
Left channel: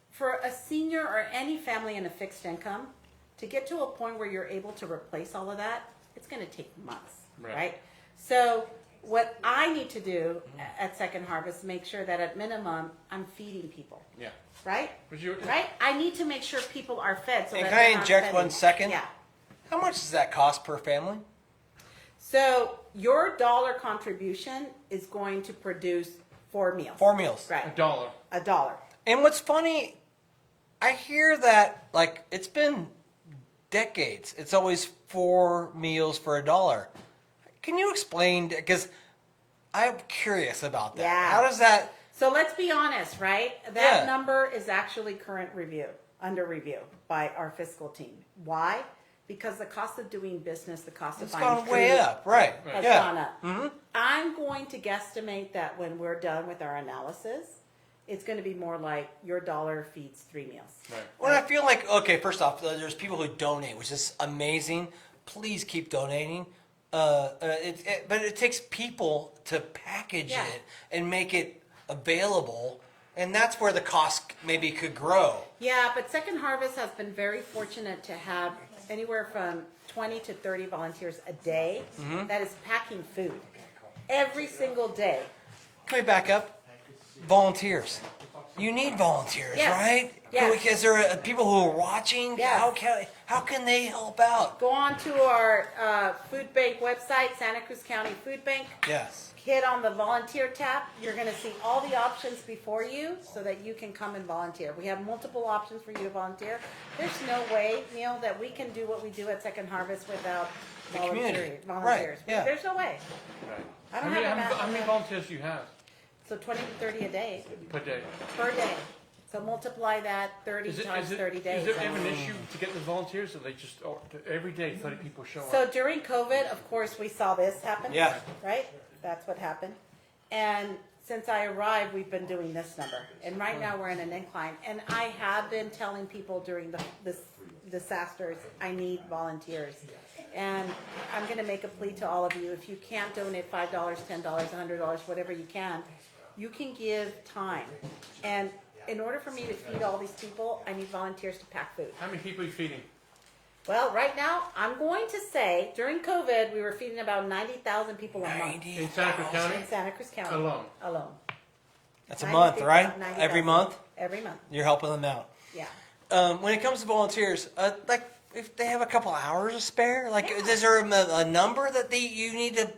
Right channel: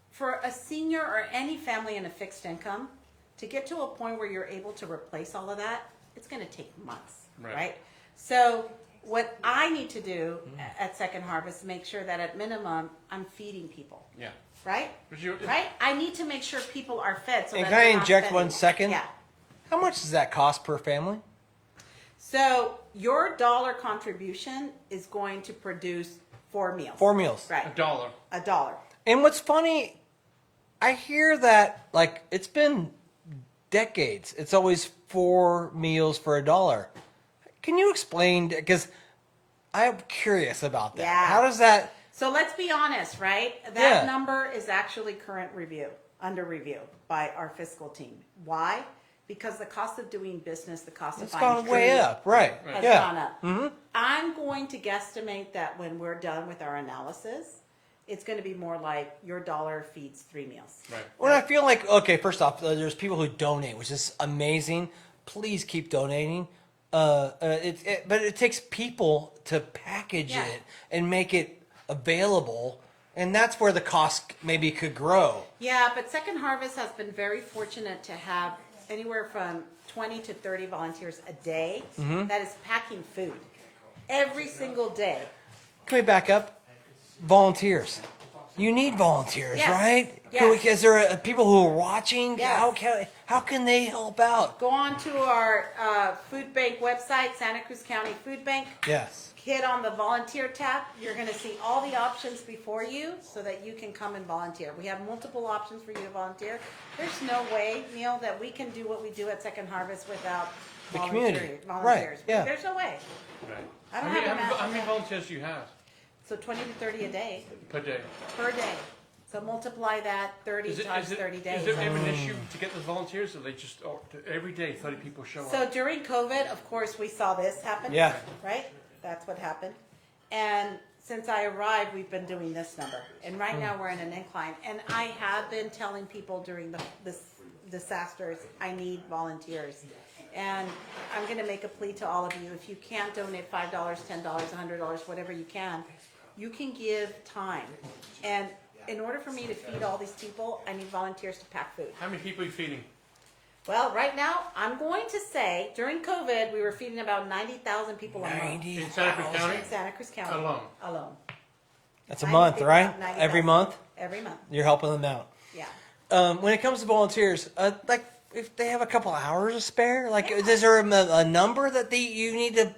For a senior or any family in a fixed income, to get to a point where you're able to replace all of that, it's going to take months, right? So what I need to do at Second Harvest, make sure that at minimum, I'm feeding people, Yeah. right? But you- Right? I need to make sure people are fed so that Can I they're not interject spending. 1 second? Yeah. How much does that cost per family? So your dollar contribution is going to produce 4 meals. 4 meals. Right. $1. $1. And what's funny, I hear that, like, it's been decades. It's always 4 meals for $1. Can you explain, because I'm curious about that. Yeah. How is that? So let's be honest, right? That Yeah. number is actually current review, under review by our fiscal team. Why? because the cost of doing business, the cost of It's buying gone food up, right? has Yeah. gone up. Mhm. I'm going to guesstimate that when we're done with our analysis, it's going to be more like your dollar feeds 3 meals. Right. Well, I feel like, okay, first off, there's people who donate, which is amazing. Please keep donating. But it takes people to package Yeah. it and make it available, and that's where the cost maybe could grow. Yeah, but Second Harvest has been very fortunate to have anywhere from 20 to 30 volunteers a day that is packing food every single day. Okay, back up. Volunteers. You need volunteers, Yes. right? Yes. So is there people who are watching? Yes. How can they help out? Go on to our food bank website, Santa Cruz County Food Bank. Yeah. Hit on the volunteer tab. You're going to see all the options before you so that you can come and volunteer. We have multiple options for you to volunteer. There's no way, Neil, that we can do what we do at Second Harvest without volunteers. Yeah. There's no way. Right. I don't how many, have a math how on many that. volunteers do you have So 20 to 30 a day per day? per day. So multiply that 30 times 30 days. Is there ever an issue to get the volunteers, or they just every day 30 people show So up? during COVID, of course, we saw this happen, Yeah. right? That's what happened. And since I arrived, we've been doing this number. And right now we're in an incline. And I have been telling people during this disasters, I need volunteers. And I'm going to make a plea to all of you. If you can't donate $5, $10, $100, whatever you can give time. And in order for me to feed all these people, I need volunteers to pack food. How many people are you feeding? Well, right now, I'm going to say during COVID, we were feeding about 90,000 people a month In Santa Cruz County? in Santa Cruz County. Alone. That's a month, right? 90,000. Every month? Every month, You're helping them out. yeah. When it comes to volunteers, like if they have a couple hours to spare, like Yeah. is there a number that you need to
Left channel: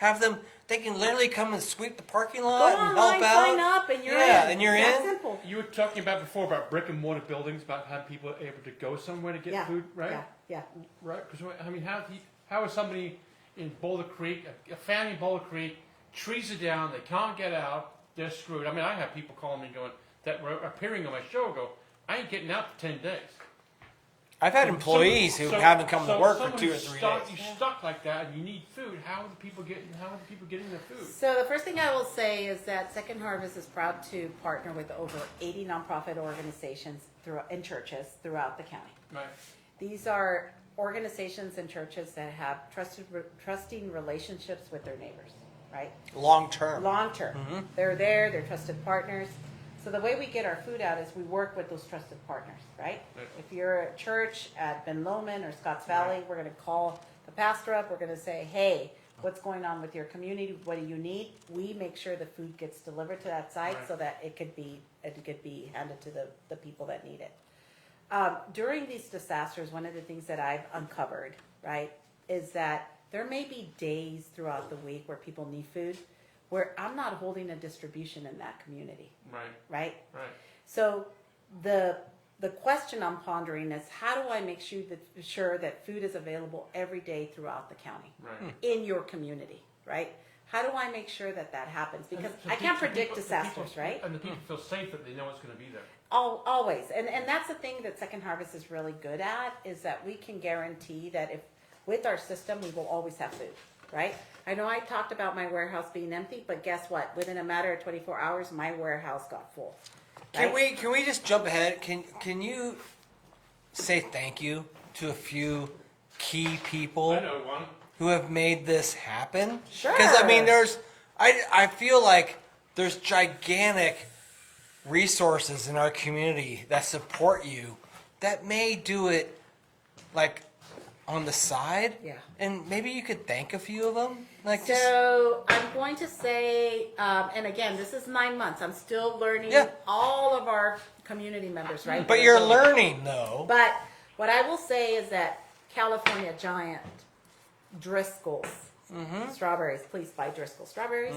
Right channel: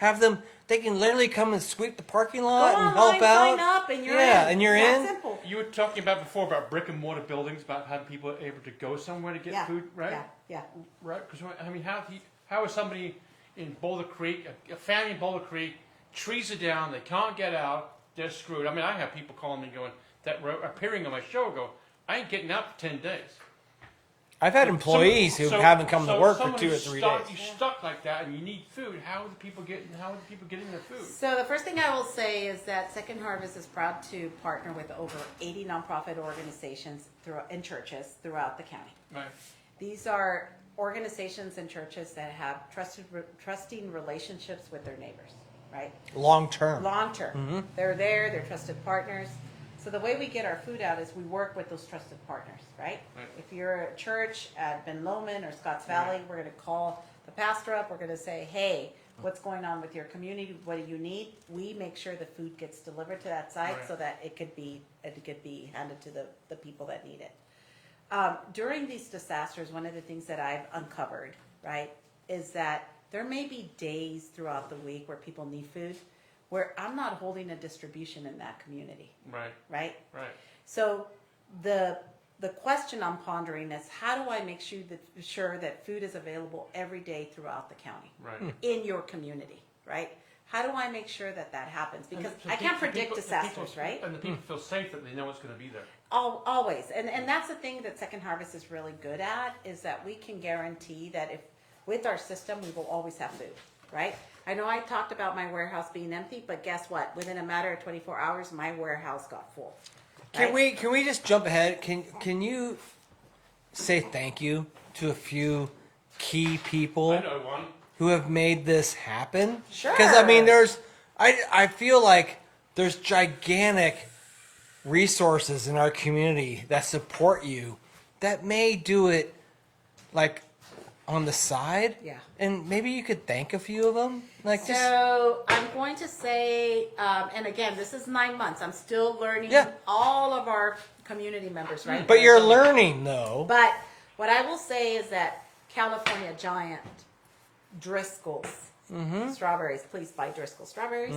have them? They can literally come and sweep the parking lot. Go and help online, out? sign up, and you're Yeah, in. and you're It's that in. simple. You were talking about before about brick and mortar buildings, about having people able to go somewhere to get Yeah, food, right? yeah. Right? Because I mean, how is somebody in Boulder Creek, a family in Boulder Creek, trees are down, they can't get out, they're screwed. I mean, I have people calling me going that were appearing on my show go, I ain't getting out for 10 days. I've had employees So, who haven't come to work for someone 2 or who's 3 stuck, days. you're stuck like that, and you need food. How are the people getting their food? So the first thing I will say is that Second Harvest is proud to partner with over 80 nonprofit organizations and churches throughout the county. Right. These are organizations and churches that have trusting relationships with their neighbors, right? Long term. Long term. They're there, they're trusted partners. So the way we get our food out is we work with those trusted partners, right? Right. If you're a church at Ben Lomond or Scotts Valley, we're going to call the pastor up. We're going to say, hey, what's going on with your community? What do you need? We make sure the food gets delivered to that site Right. so that it could be handed to the people that need it. During these disasters, one of the things that I've uncovered, right, is that there may be days throughout the week where people need food where I'm not holding a distribution in that community, Right. right? Right. So the question I'm pondering is how do I make sure that food is available every day throughout the county, Right. in your community, right? How do I make sure that happens? Because So I can't people- predict the disasters, people- right? And the people feel safe that they know it's going to be there. Always. And that's the thing that Second Harvest is really good at, is that we can guarantee that if with our system, we will always have food, right? I know I talked about my warehouse being empty, but guess what? Within a matter of 24 hours, my warehouse got full, right? Can we just jump ahead? Can you say thank you to a few key people I know one. who have made this happen? Sure. 'Cause, I mean, I feel like there's gigantic resources in our community that support you that may do it like on the side. Yeah. And maybe you could thank a few of them. Like, So I'm going to say, and again, this is 9 months. I'm still learning Yeah. all of our community members, right? but you're learning though. But what I will say is that California Giant Driscoll's strawberries, please buy Driscoll strawberries.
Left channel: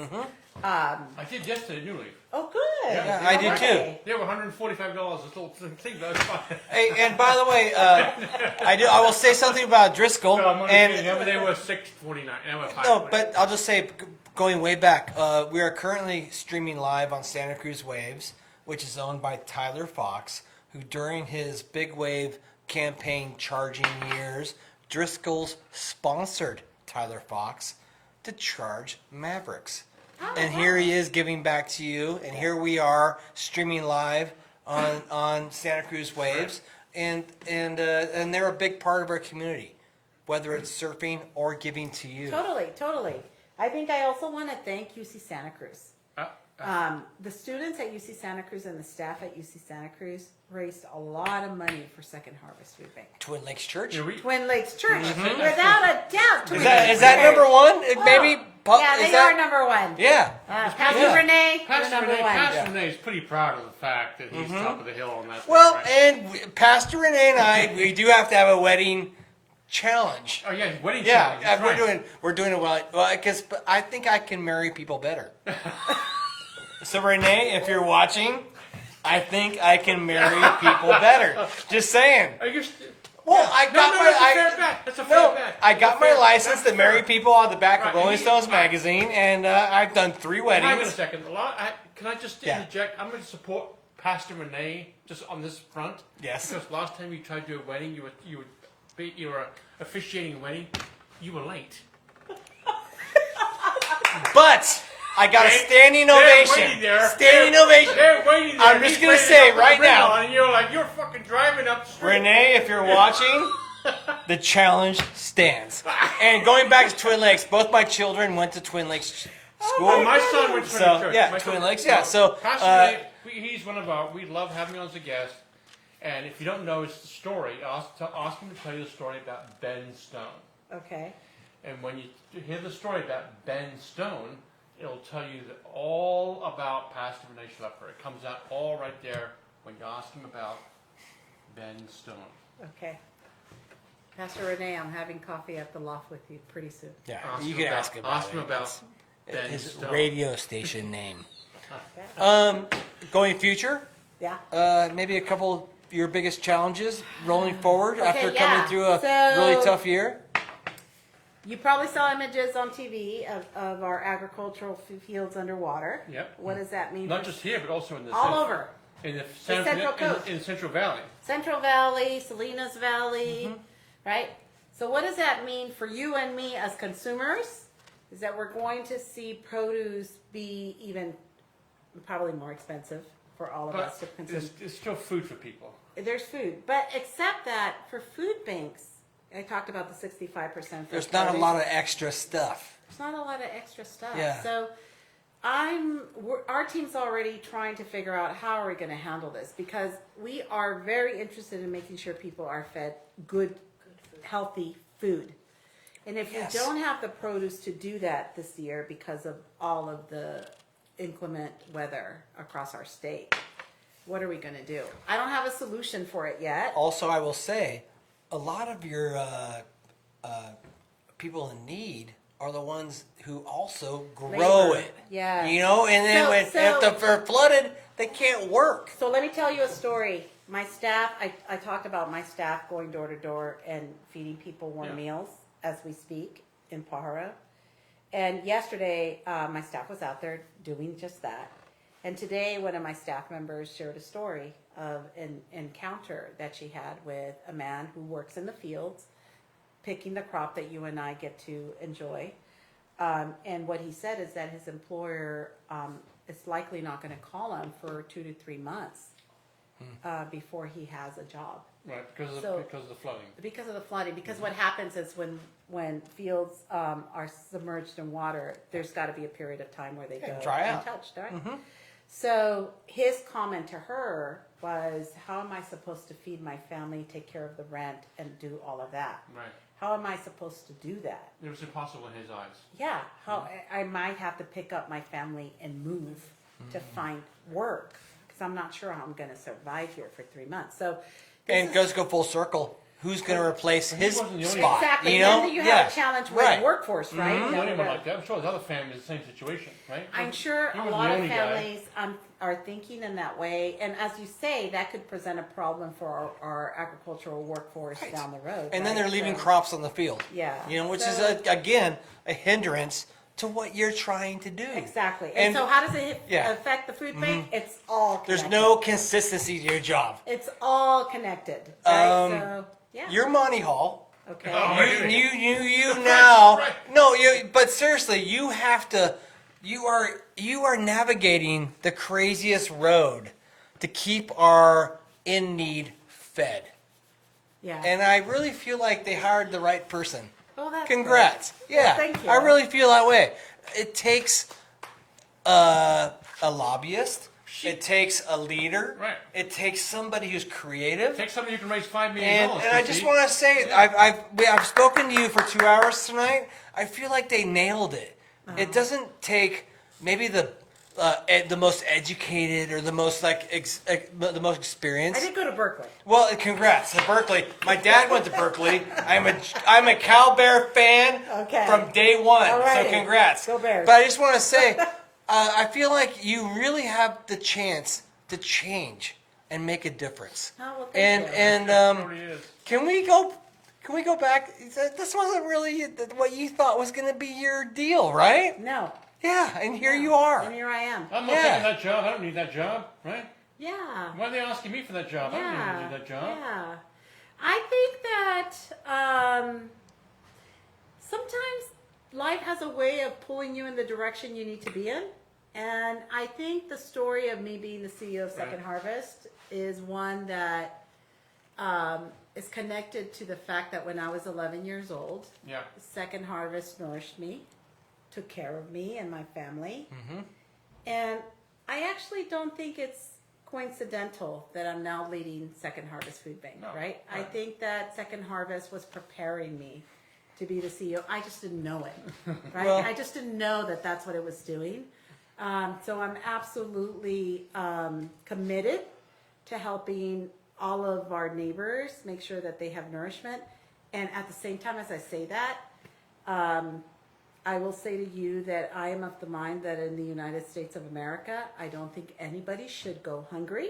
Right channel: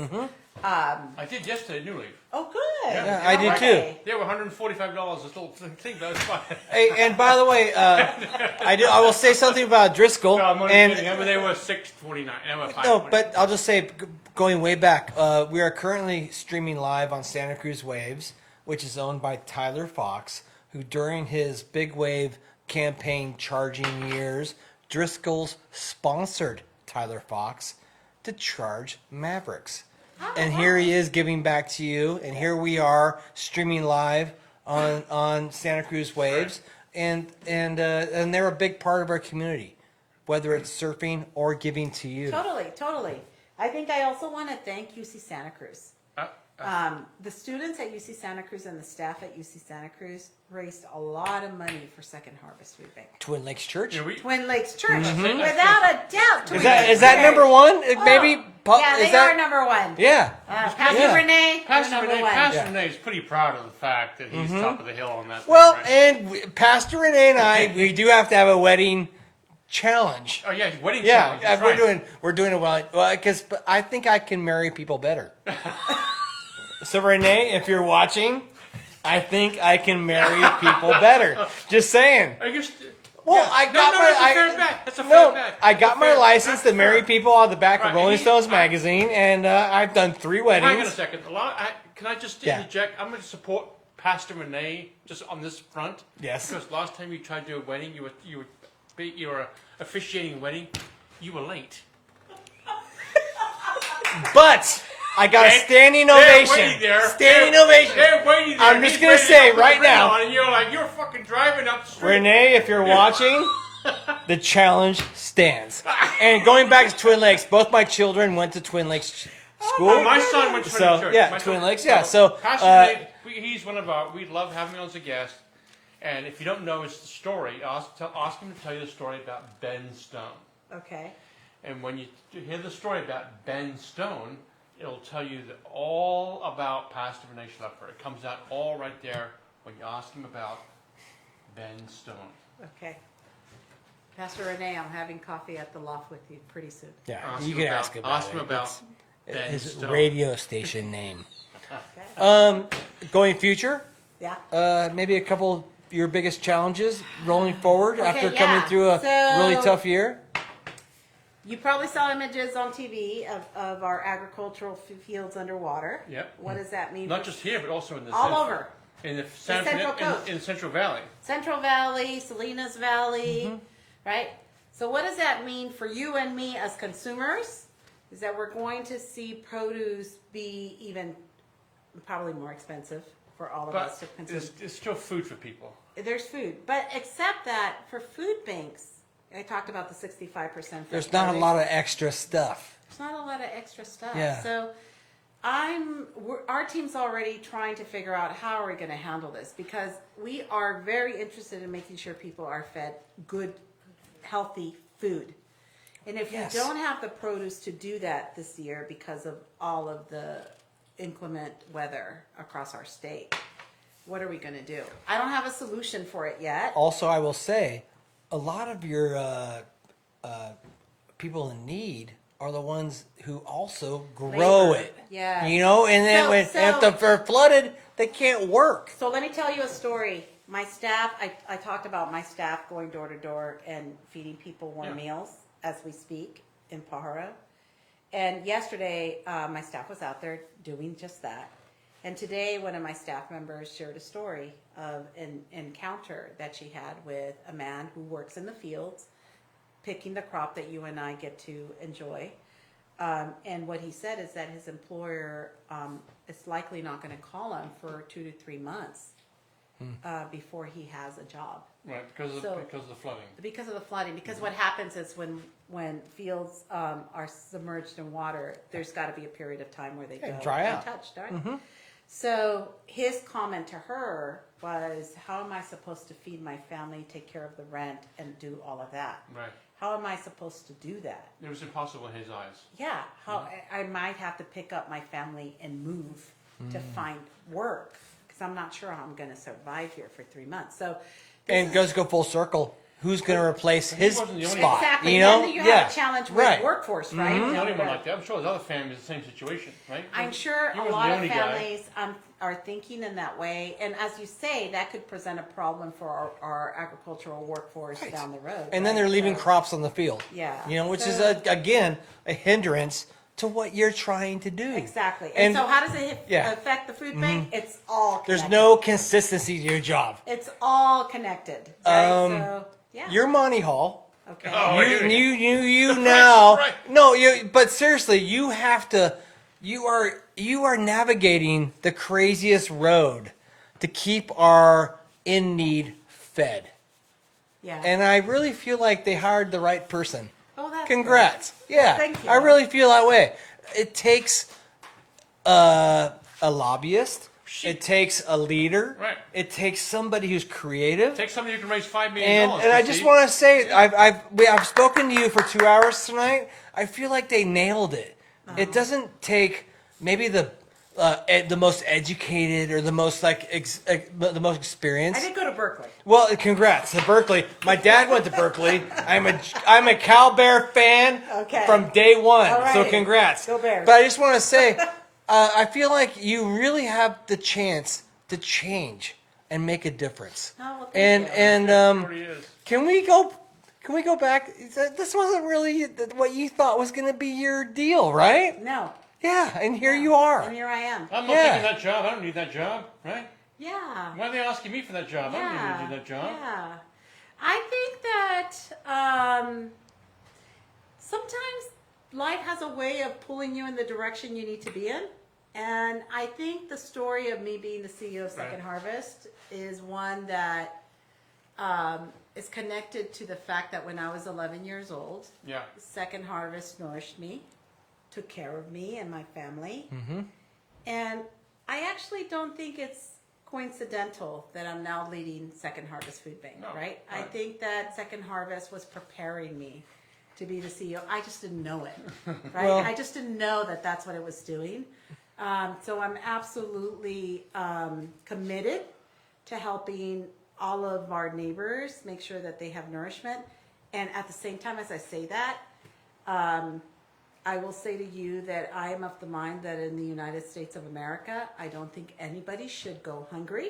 I did yesterday at New Leaf. Oh, good. Yeah, they How were were great. they? They were $145 this little thing, but it's fine. Hey, and by the way, I was say something about Driscoll. No, I'm only and- kidding. They were $6.49. They were No, $5.49. but I'll just say, going way back, we are currently streaming live on Santa Cruz Waves, which is owned by Tyler Fox, who during his Big Wave campaign charging years Driscoll's sponsored Tyler Fox, the Charged Mavericks. Oh, And wow. here he is giving back to you. And here we are streaming live on Santa Cruz Boardroom. And they're a big part of our community, whether it's surfing or giving to you. Totally. I think I also want to thank UC Santa Cruz. The students at UC Santa Cruz and the staff at UC Santa Cruz raised a lot of money for Second Harvest Food Bank. Twin Lakes Church. You know, Twin Lakes Church, I think- without a doubt, Twin Is Lakes Is that Church. number one? Is Oh, that- yeah, they are number one. Yeah. Pastor Yeah. Renee, you're Pastor number Renee, one. Pastor Renee is pretty proud of the fact that he's top of the hill on that thing, Well, right? and Pastor and I, we do have to have a wedding challenge. Oh yeah, wedding Yeah, challenge. That's and right. we're doing a lot, because I think I can marry people better. So Renee, if you're watching, I think I can marry people better. Just saying. I guess. Well, Yeah. I No, got that's a my- fair bet. That's a fair Well, bet. I That's got a fair, my license that's to fair. marry people on the back Right, of and Rolling you- Stones magazine, and I've done 3 weddings. Hang on a second. Can I just Yeah. interject? I'm going to support Pastor Renee just on this front. Yes. Because last time you tried to do a wedding, you were officiating a wedding. You were late. But I got Okay? standing They're ovation. waiting there. Standing ovation. They're waiting there. I'm He's just ready to go saying, put the right ring now. on, and you're like, you're fucking driving up the street. Renee, if you're watching, the challenge stands. And going back to Twin Lakes, both my children went to Twin Lakes. Oh, my son went to a church. Yeah, My son, Twin Lakes. So, Pastor Renee, he's one of our. We love having him on as a guest. And if you don't know his story, ask him to tell you the story about Ben Stone. Okay. And when you hear the story about Ben Stone, it'll tell you all about Pastor Renee Schlepper. It comes out all right there when you ask him about Ben Stone. Okay. Pastor Renee, I'm having coffee at the loft with you pretty soon. yeah, Ask you him can about Ben Stone. Radio station name. Okay. Going future, Yeah. maybe a couple of your biggest challenges going forward. Okay, after yeah. coming through a So- really tough year. You probably saw images on TV of our agricultural fields underwater. Yep. What does that mean? Not for just here, but also in the all over. in the Central Coast. in Central Valley. Central Valley, Salinas Valley, right? So what does that mean for you and me as consumers? Is that we're going to see produce be even probably more expensive for all of us to But consume. there's still food for people. There's food, but except that for food banks, I talked about the 65% fresh There's not a produce. lot of extra stuff. There's not a lot of extra stuff. Yeah. So our team's already trying to figure out how are we going to handle this, because we are very interested in making sure people are fed good, healthy food. And if we don't have the produce to do that this year because of all of the inclement weather across our state, what are we going to do? I don't have a solution for it yet. Also, I will say, a lot of your people in need are the ones who also grow. Labor. Yeah. You know, and So- then if they're flooded, they can't work. So let me tell you a story. My staff, I talked about my staff going door to door and feeding people warm Yeah. meals as we speak in Pajaro. And yesterday, my staff was out there doing just that. And today, one of my staff members shared a story of an encounter that she had with a man who works in the fields, picking the crop that you and I get to enjoy. And what he said is that his employer is likely not going to call him for 2 to 3 months before he has a job. Right, because of the flooding. Because of the flooding. Because what happens is when fields are submerged in water, there's got to be a period of time where they go untouched, right? So his comment to her was, how am I supposed to feed my family, take care of the rent, and do all of that? Right. How am I supposed to do that? It was impossible in his eyes. Yeah, how I might have to pick up my family and move to find work, because I'm not sure how I'm going to survive here for 3 months. So this And is it goes the full circle. Who's going to replace He him? wasn't the only one. exactly. You Then know? you have Yeah. a challenge with Yeah. workforce, right? He wasn't the Down only the one road. like that. I'm sure there's other families in the same situation, right? I'm sure He a wasn't lot the of only guy. families are thinking in that way, and as you say, that could present a problem for our agricultural workforce down the road, And right? then you're leaving So- crops on the field. Yeah. You know, which So- is, again, a hindrance to what you're trying to do. Exactly. And And- so how does it Yeah. affect the food bank? It's all There's connected. no consistency with your job. It's all connected, right? Um, So, yeah. Your Monty Hall Okay. Oh, You The price is now. right. No, but seriously, you have to. You are navigating the craziest road to keep our in need fed, Yeah. and I really feel like they hired the right person. Oh, that's good. Congrats. Well, thank you. I really feel that way. It takes a lobbyist. It takes a leader. Right. It takes somebody who's creative. Take somebody who can raise $5 million. And I just want to say, Yeah. I've spoken to you for 2 hours tonight. I feel like they nailed it. Oh. It doesn't take maybe the most educated or the most the most experienced. I did go to Berkeley. Well, congrats to Berkeley. My dad went to Berkeley, and I'm a Cal Bear fan Okay. from day one. All righty. So congrats. Go Bears. But I just want to say, I feel like you really have the chance to change and make a difference. Oh, well, thank And, you. and It already is. can we go back? This wasn't really what you thought was going to be your deal, right? No. Yeah, and there No. you are. And here I am. I'm not Yeah. taking that job. I don't need that job, right? Yeah. Why are they asking me for that job? I don't need to do that job. Yeah. I think that sometimes life has a way of pulling you in the direction you need to be in. And I think the story of me being the CEO of Second Right. Harvest is one that is connected to the fact that when I was 11 years old, Yeah. Second Harvest nourished me, took care of me and my family. Mm-hmm. And I actually don't think it's coincidental that I'm now leading Second Harvest Food Bank, No, right? I right. think that Second Harvest was preparing me to be the CEO. I just didn't know it, right? I just didn't know that that's what it was doing. So I'm absolutely committed to helping all of our neighbors make sure that they have nourishment. And at the same time, as I say that, I will say to you that I am of the mind that in the United States of America, I don't think anybody should go hungry.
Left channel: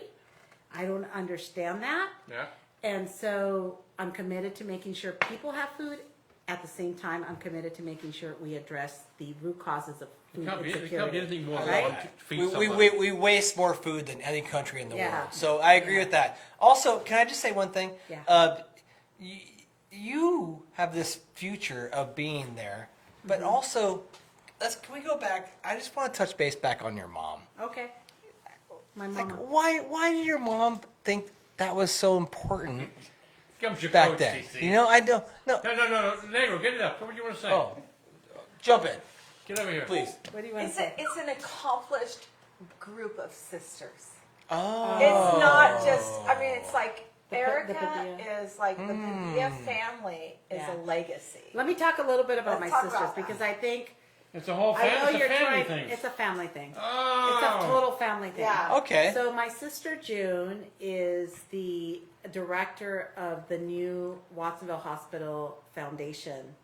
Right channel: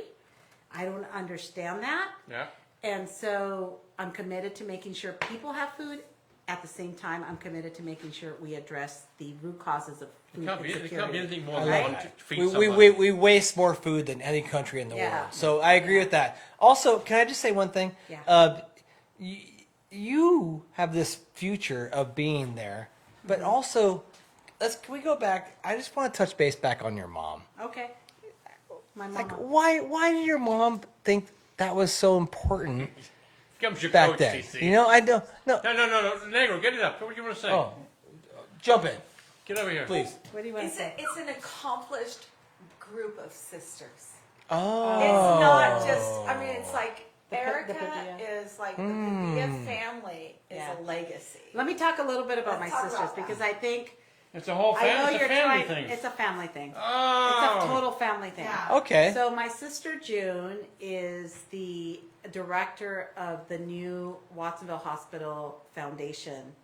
I don't understand that. Yeah. And so I'm committed to making sure people have food. At the same time, I'm committed to making sure we address the root causes of food It can't be insecurity. anything more than right? one to feed somebody. We waste more food than any country in the Yeah. world. So I agree Yeah. with that. Also, can I just say one thing? Yeah. You have this future of being there, but Mm-hmm. also, can we go back? I just want to touch base back on your mom. Okay. My mama. Why did your mom think that was so important? Comes your back coach, then? CC. You know, I don't. No. Negro, get it up. What do you want to say? Okay. Get over here. What do you want to say? It's an accomplished group of sisters. Oh. It's not just, I mean, it's like The Erica Padilla. is like the Padilla family is Yeah. a legacy. Let me talk a little bit about my Let's talk sisters about that. because I think It's a whole I know family. It's you're a family trying. thing. It's a family thing. Oh. It's a total family thing. Yeah. Okay. So my sister June is the director of the new Watsonville Hospital Foundation.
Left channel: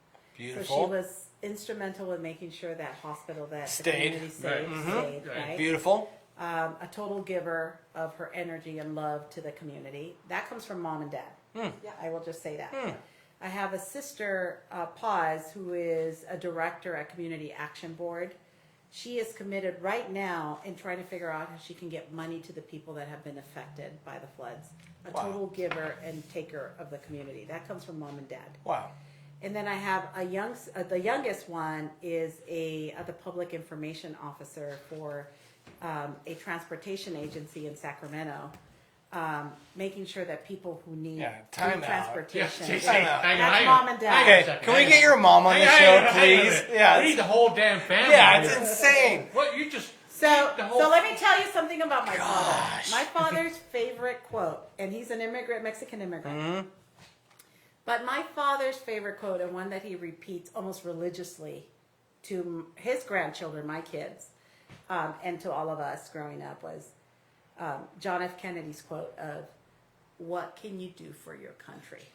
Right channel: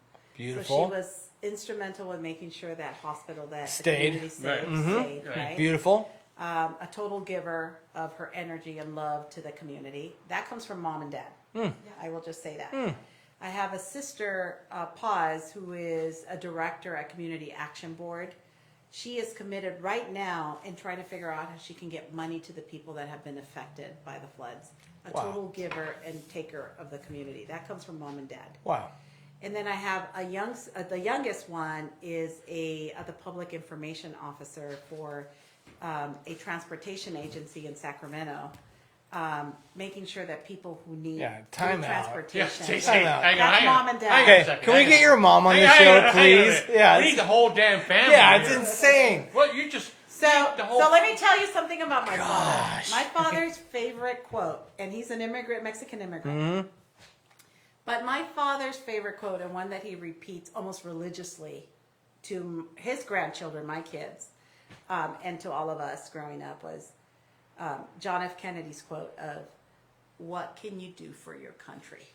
So she Beautiful. was instrumental with making sure that hospital that the Stayed. community Right. stayed, Right. right? Beautiful. A total giver of her energy and love to the community. That comes from mom and dad. I will just say that. I have a sister, Paz, who is a director at Community Action Board. She is committed right now in trying to figure out how she can get money to the people that have been affected by the floods. A total giver and taker of the community. That comes from mom and dad. Wow. And then I have the youngest one is the public information officer for a transportation agency in Sacramento, making sure that people who need free Yeah, transportation. CC, Yeah. hang on, That's hang on. mom and dad. Hang on a second. Hang on. Your mom Hang on a please. minute. Yeah. We need the whole damn family Yeah, I was here. gonna say. What you just So, the whole so let me tell you something about my father. My father's favorite quote, and he's an immigrant, Mexican immigrant. Mm-hmm. But my father's favorite quote, and one that he repeats almost religiously to his grandchildren, my kids, and to all of us growing up, was John F. Kennedy's quote of, "What can you do for your country?"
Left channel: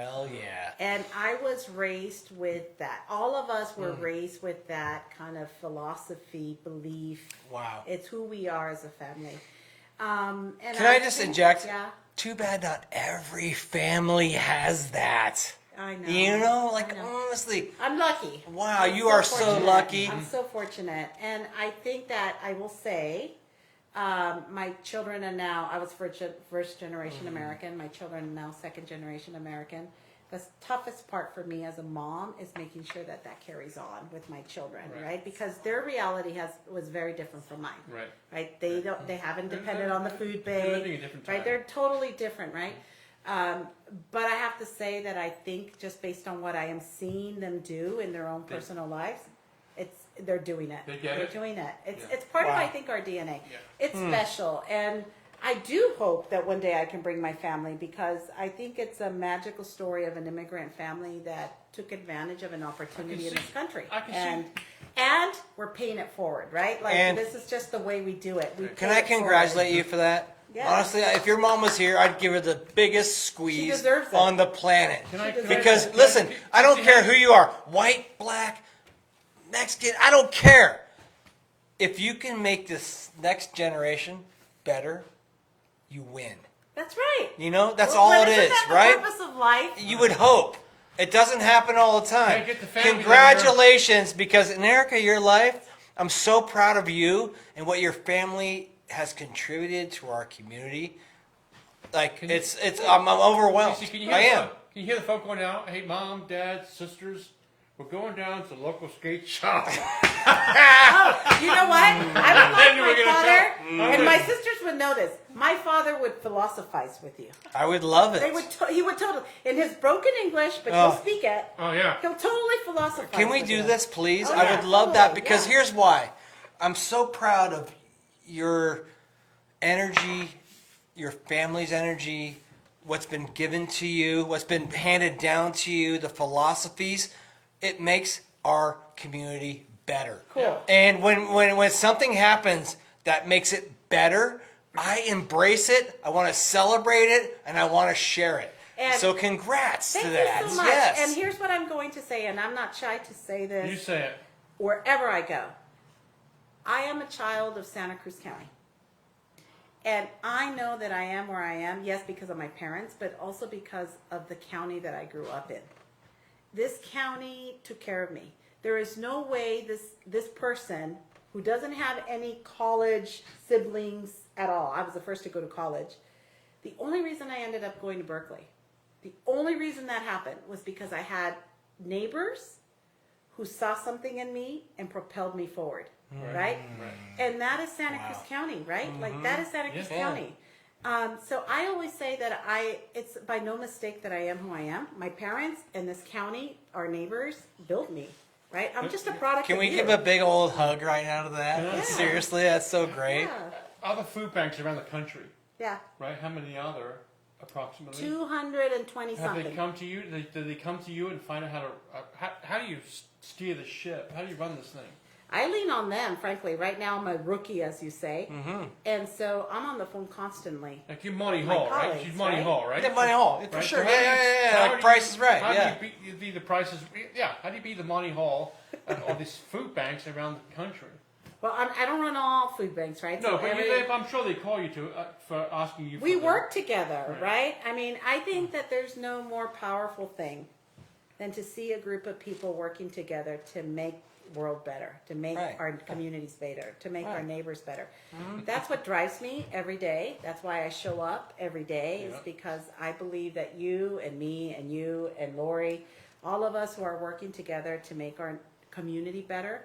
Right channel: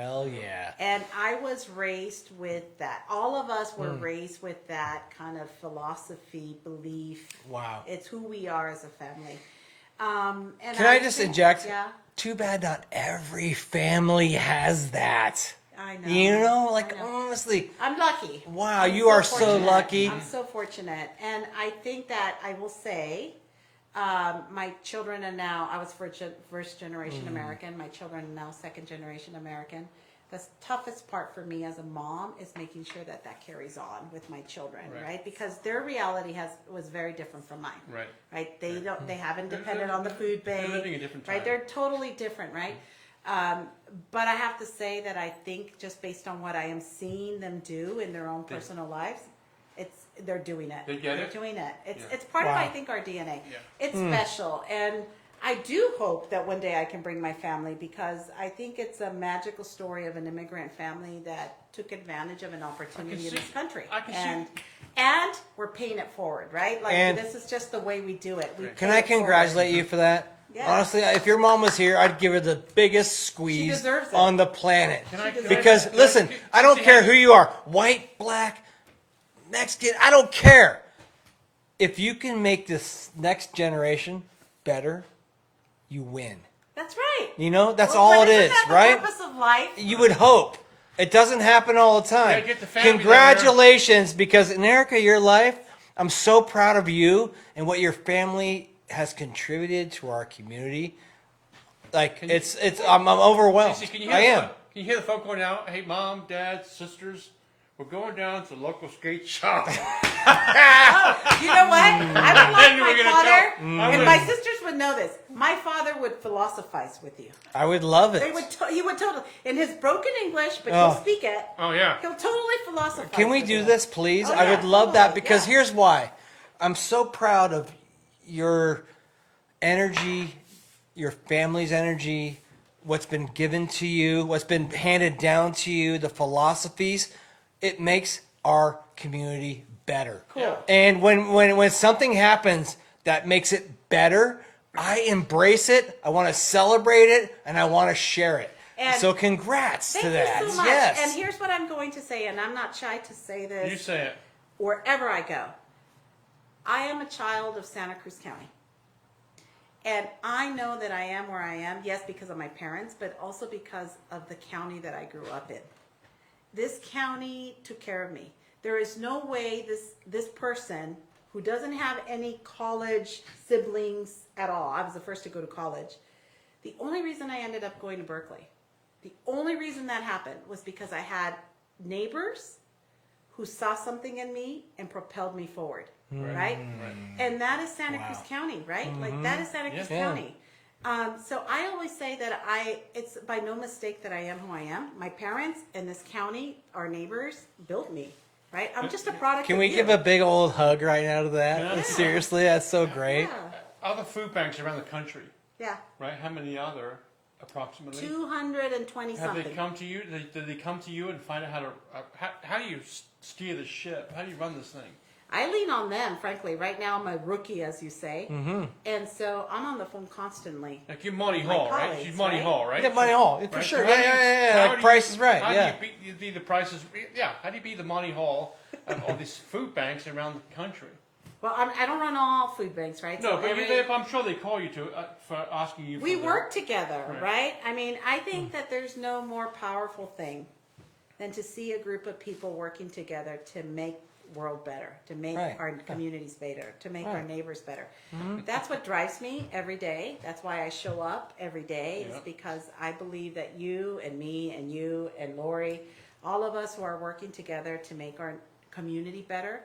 Oh yeah. And I was raised with that. All of us were raised with that kind of philosophy, belief. Wow. It's who we are as a family. And Can I I just think, interject? yeah, Too bad not every family has that. I know. You know, I like know. honestly. I'm lucky. Wow, I'm you so are so fortunate. lucky. I'm so fortunate. And I think that I will say, my children are now, I was first generation American. My children are now second generation American. the toughest part for me as a mom is making sure that that carries on with my children, right? Because their reality was very different from mine. Right? They haven't depended on the food bank. They're living a different time. Right? They're totally different, right? But I have to say that I think just based on what I am seeing them do in their own personal lives, they're doing it. They're doing it. It's part of, I think, our DNA. Yeah. It's special. And I do hope that one day I can bring my family, because I think it's a magical story of an immigrant family that took advantage of an opportunity in this country. And we're paying it forward, right? Like, this is just the way we do it. We pay it forward. You for that. Yeah. Honestly, if your mom was here, I'd give her the biggest squeeze She deserves it. on the planet. She deserves Because, it. listen, I don't care who you are, white, black, Mexican, I don't care. If you can make this next generation better, you win. That's right. You know, that's all But it isn't is, that the right? purpose of life? You would hope. It doesn't happen all the time. Gotta get the family down there. Congratulations, because Erica, your life, I'm so proud of you and what your family has contributed to our community. Like, I'm overwhelmed. Casey, can you hear the folk going out? Hey, mom, dad, sisters, we're going down to the local skate shop. Oh, you know what? I would like Then we're my gonna father, tell- and my sisters would know this. My father would philosophize with you. I would love it. They would. He would totally, in his broken English, but he'll speak it. Oh, yeah. He'll totally philosophize Can we with do you. this, please? Oh, yeah, I would love that, totally, because yeah. here's why. I'm so proud of your energy, your family's energy, what's been given to you, what's been handed down to you, the philosophies. It makes our community better. Cool. And when something happens that makes it better, I embrace it, I want to celebrate it, and I want to share it. And so congrats. Thank to you that. so much. Yes. And here's what I'm going to say, and I'm not shy to say this. You say it. Wherever I go. I am a child of Santa Cruz County. And I know that I am where I am, yes, because of my parents, but also because of the county that I grew up in. This county took care of me. There is no way this person who doesn't have any college siblings at all, I was the first to go to college, the only reason I ended up going to Berkeley, the only reason that happened was because I had neighbors who saw something in me and propelled me forward, right? And that is Santa Cruz County, right? Like, that is Santa Cruz County. So I always say that it's by no mistake that I am who I am. My parents and this county, our neighbors, built me, right? I'm just a product Can of we you. give a big old hug right out of that? Yeah. Seriously, that's so great. Yeah, Other food banks around the country, yeah. right? How many are there, approximately? 220 Have something. they come to you? Do they come to you and find out how to? How do you steer the ship? How do you run this thing? I lean on them, frankly. Right now, I'm a rookie, as you say, and so I'm on the phone constantly. Like you're Monty My Hall, right? colleagues, She's Monty right? Hall, right? Yeah, Monty Hall. Right. For So sure. how do you Yeah. beat the prices? Yeah. How do you be the Monty Hall of all these food banks around the country? Well, I don't run all food banks, right? No, So but I'm sure they call you for asking you. we for work together, Right. right? I mean, I think that there's no more powerful thing than to see a group of people working together to make world better, to make our communities better, to make our neighbors better. That's what drives me every day. That's why I show up every day, is because I believe that you and me and you and Laurie, all of us who are working together to make our community better,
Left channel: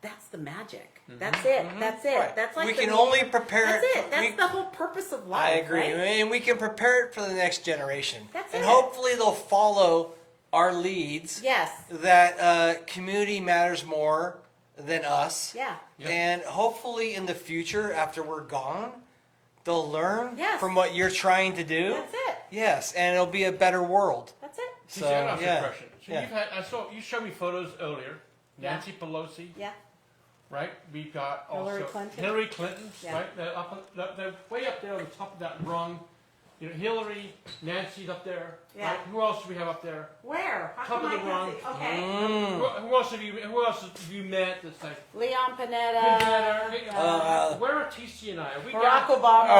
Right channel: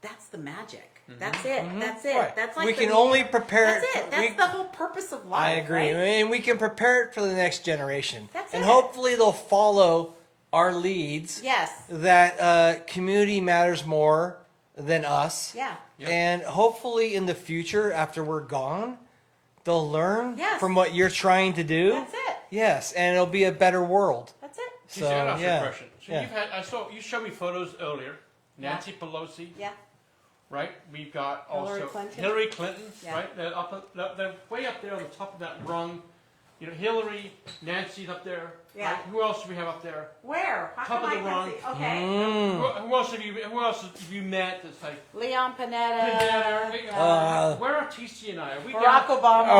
that's the magic. That's it. That's it. That's like We the can only meaning of, prepare- that's it. That's the whole purpose of life, right? And we can prepare it for the next generation. That's And it. hopefully they'll follow our leads. Yes. That community matters more than us. Yeah. Yep. And hopefully in the future, after we're gone, they'll learn Yes. from what you're trying to do. That's it. Yes, and it'll be a better world. That's it. TC, I'd ask you a Yeah. question. So Yeah. you showed me photos earlier. Nancy Pelosi, Yeah. right? We've got Hillary also Clinton. Hillary Clinton, Yeah. right? They're way up there on the top of that rung. You know, Hillary, Nancy's up there. Yeah. Right? Who else do we have up there? Where? How Top come of I the can't rung. see? Okay. Who else have you met that's like Leon Panetta. Panetta? Where are TC and I? Are we Barack down, Obama.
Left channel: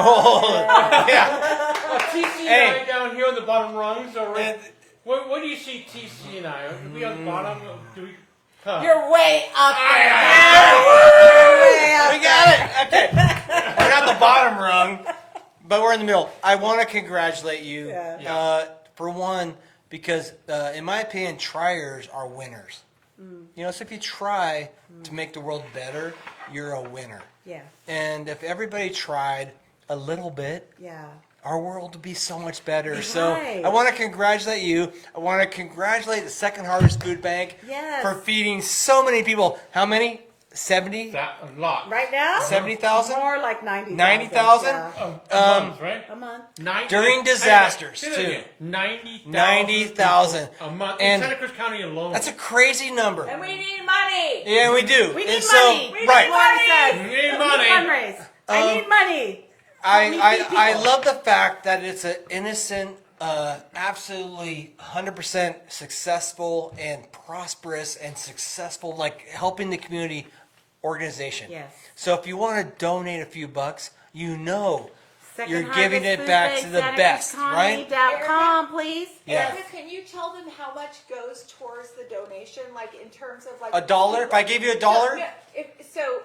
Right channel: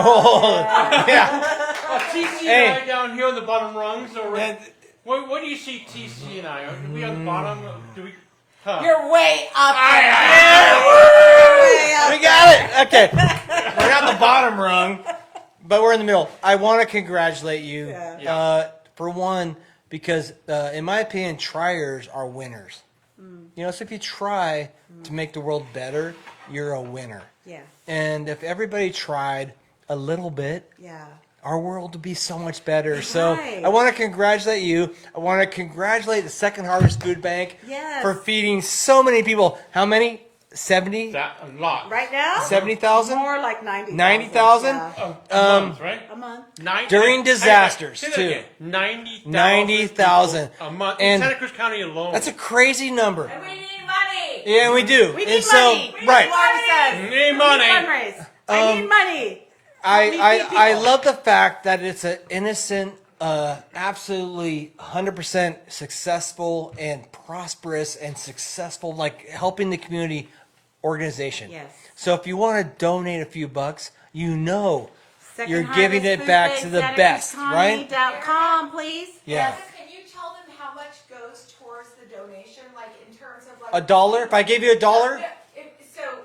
are TC and I down here on the bottom rungs, or where do you see TC and I? Are we on the bottom? Do we? Huh. You're way up there. guys. You're way up there. We're not bottom rung, but we're in the middle. I want to congratulate you. Yeah. Yeah. For one, because, in my opinion, triers are winners. You know, if you try to make the world better, you're a winner. Yeah. And if everybody tried a little bit, Yeah. our world would be so much better. Right. So I want to congratulate you. I want to congratulate the Second Harvest Food Bank Yes. for feeding so many people. How many? 70? That a lot. Right now? 70,000? More like 90,000. 90,000? Yeah. A month, right? A month. During disasters. Say that again. 90,000 people a month in And- Santa Cruz County alone. That's a crazy number. And we need money. Yeah, we do. We need So, money. Like Laurie says. Need We money. fundraise. I need money. Help me feed I people. love the fact that it's an innocent, absolutely 100% successful and prosperous and successful, like helping the community organization. Yes. So if you want to donate a few bucks, you know. Second You're Harvest giving it Food back Bank, to the best, SantaCruzCounty.com, please. Yes. Erica, can you tell them how much goes towards the donation, like in terms of like $1? If I gave you $1? No,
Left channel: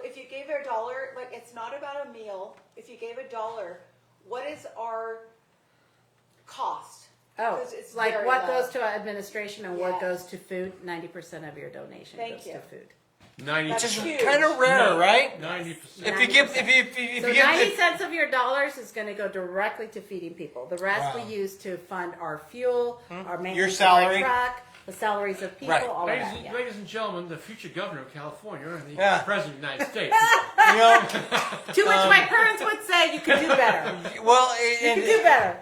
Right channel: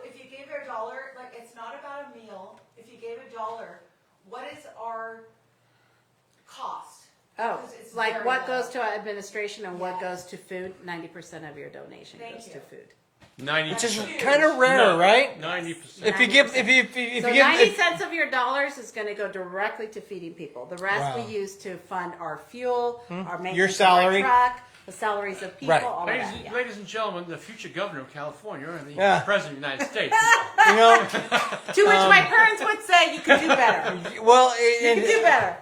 if you gave her $1, like it's not about a meal. If you gave $1, what is our cost? Oh, Because it's like very what low. goes to administration and what Yeah. goes to food? 90% of your donation Thank goes you. to food. 90%. huge. Kind of rare, No, right? 90%. If you give- 90%. if So you give- 90 cents of your dollars is going to go directly to feeding people. The rest we Wow. use to fund our fuel, our maintenance of our salary. truck, the salaries of people, Right. all of Ladies, that. Yeah. ladies and gentlemen, the future governor of California and the Yeah. president of the United States. To which my parents would say, you can do better. Well, You can do better.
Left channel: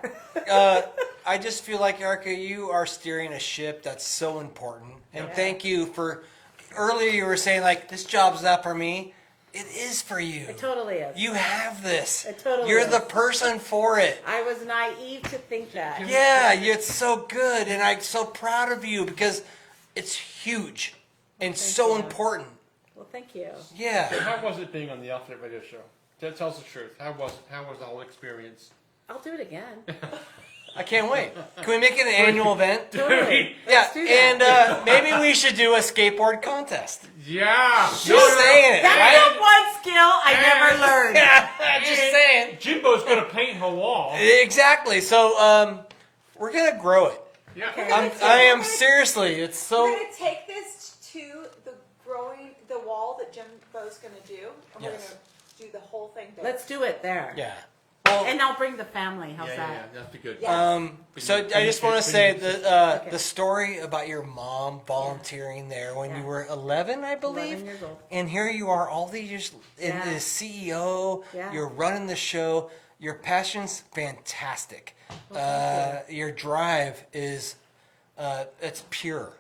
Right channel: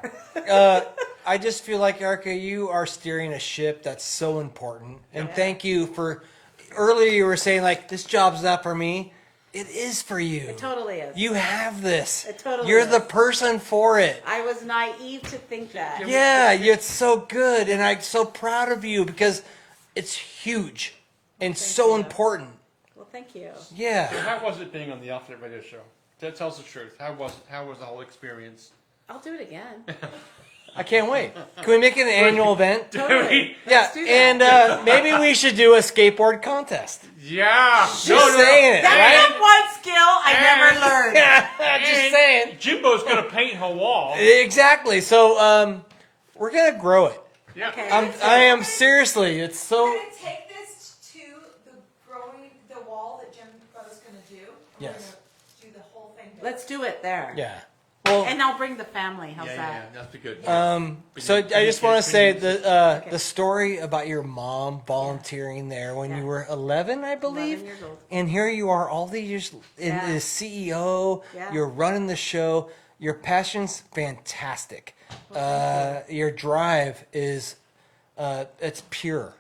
I just feel like, Erica, you are steering a ship that's so important. And Yeah. thank you for, earlier you were saying, like, this job's not for me. It is for you. It totally is. You have this. It totally You're is. the person for it. I was naive to think that. Yeah, it's so good, and I'm so proud of you because it's huge. It's Thank so you. important. Well, thank you. So Yeah. how was it being on the Alternate Radio Show? Tell us the truth. How was it? How was the whole experience? I'll do it again. I can't wait. We're making an annual event. Totally. Let's Yeah, do that. And maybe we should do a skateboard contest. Yeah. No. That's the one skill I never learned. And Jimbo's going to paint her wall. Exactly. So we're gonna grow it. Yeah. Okay. I let's do am it. seriously. It's so. We're gonna take this to the wall that Jimbo's gonna do, and we're gonna do the whole thing there. Let's do it there. Yeah. And I'll bring the family. How's Yeah, that? yeah, that's be good. Yeah. So I just want to say Okay. the story about your mom volunteering there when Yeah. you were 11, I believe. 11 years old. And here you are, all these years, and Yeah. you're the CEO. Yeah. You're running the show. Your passion's fantastic. Well, thank you. Your drive is, it's pure.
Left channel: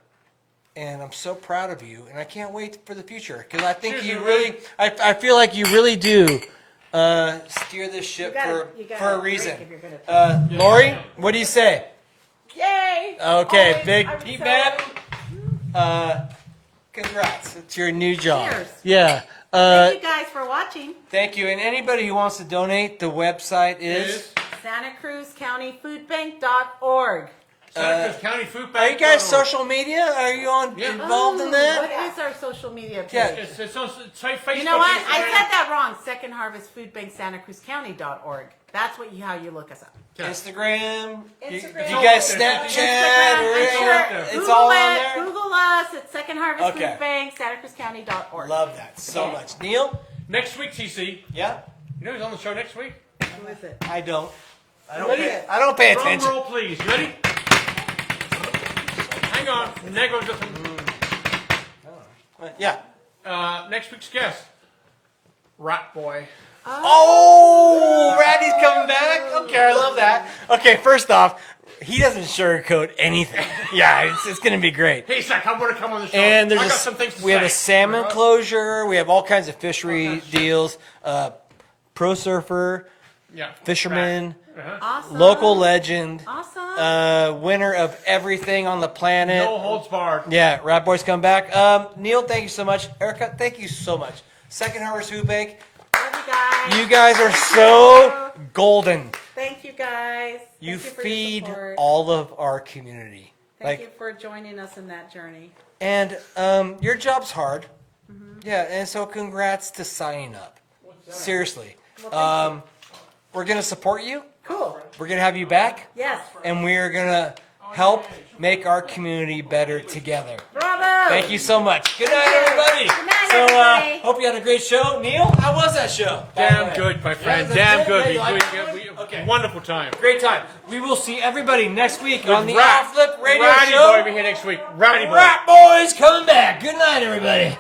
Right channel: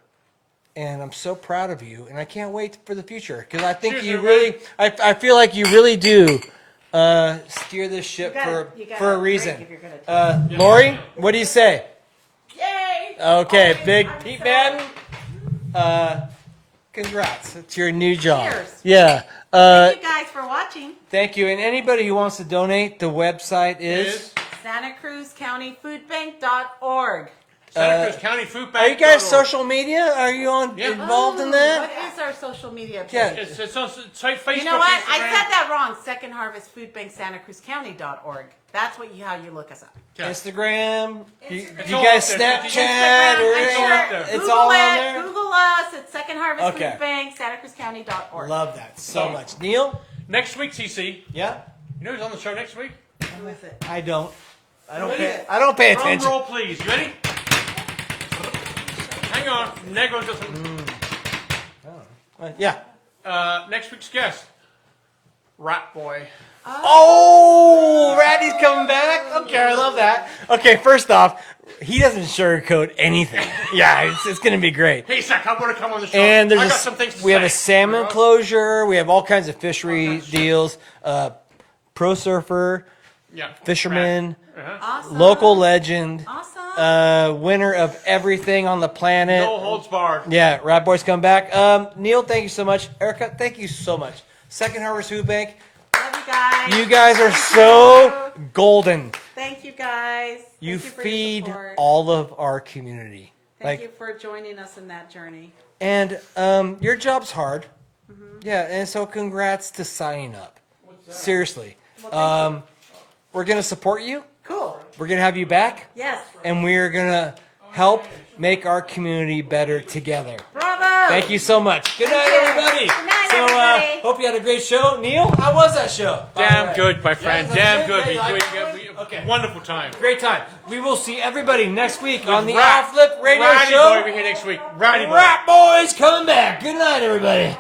And I'm so proud of you, and I can't wait for the future. 'Cause I think Cheers, you everybody. really- I feel like you really do steer this ship You got for, you got for a to reason. drink if you're going to tell. Lori, what do you say? Yay! Okay, Always, good. I'm Keep so- that. Congrats. It's your new job. Cheers. Yeah. Thank you guys for watching. Thank you. And anybody who wants to donate, the website is. Is SantaCruzCountyFoodBank.org. Santa Cruz County Food Are you guys Bank.org. social media? Are you on? Yeah. involved in Oh, that? what is our social media page? It's on Facebook. You know what? I Instagram. said that wrong. Second Harvest Food Bank, SantaCruzCounty.org. That's how you look us up. Okay. Instagram. Instagram. It's all up there. Instagram, I'm It's all up there. sure. Google it. Google us at Second Harvest Okay. Food Bank, SantaCruzCounty.org. Love that. Okay. Neil? Next week, TC. Yeah. You know who's on the show next week? Who is it? I don't. I don't Ready? care. I don't care. Drum roll, please. You ready? Hang on. Negro's just. Yeah. Next week's guest, Rat Boy. Oh, he's coming back. Okay, I love that. Okay, first off, he doesn't sugarcoat anything. It's going to be great. Hey, Zach, I want to come on the show. And I got some things to we have say. salmon closure. We have all kinds of fishery deals. Pro surfer, Yeah. fisherman, Rat. Uh-huh. Awesome. local legend, Awesome. winner of everything on the planet. No holds barred. Yeah, Rat Boy's come back. Neil, thank you so much. Erica, thank you so much. Second Harvest Food Bank. Love you guys. You guys are Thank so you. golden. Thank you guys. Thank you for your feed support. all of our community. Thank you for joining us in that journey. And your job's hard. Mm-hmm. Yeah, and so congrats to signing up. Seriously. Well, thank you. We're going to support you. Cool. We're going to have you back. Yes. And we're going to help make our community better together. Bravo! Thank you so much. Good Thank night, you. everybody. Good night, everybody. Hope you had a great show. Neil, how was that show? Damn good, my friend. Yeah, Damn good. We Okay. wonderful time. Great time. We will see everybody next week. With on the Rat. Flip Radio Ratty Show. boy, we here next week. Ratty boy. Rat Boy's coming back. Good night, everybody.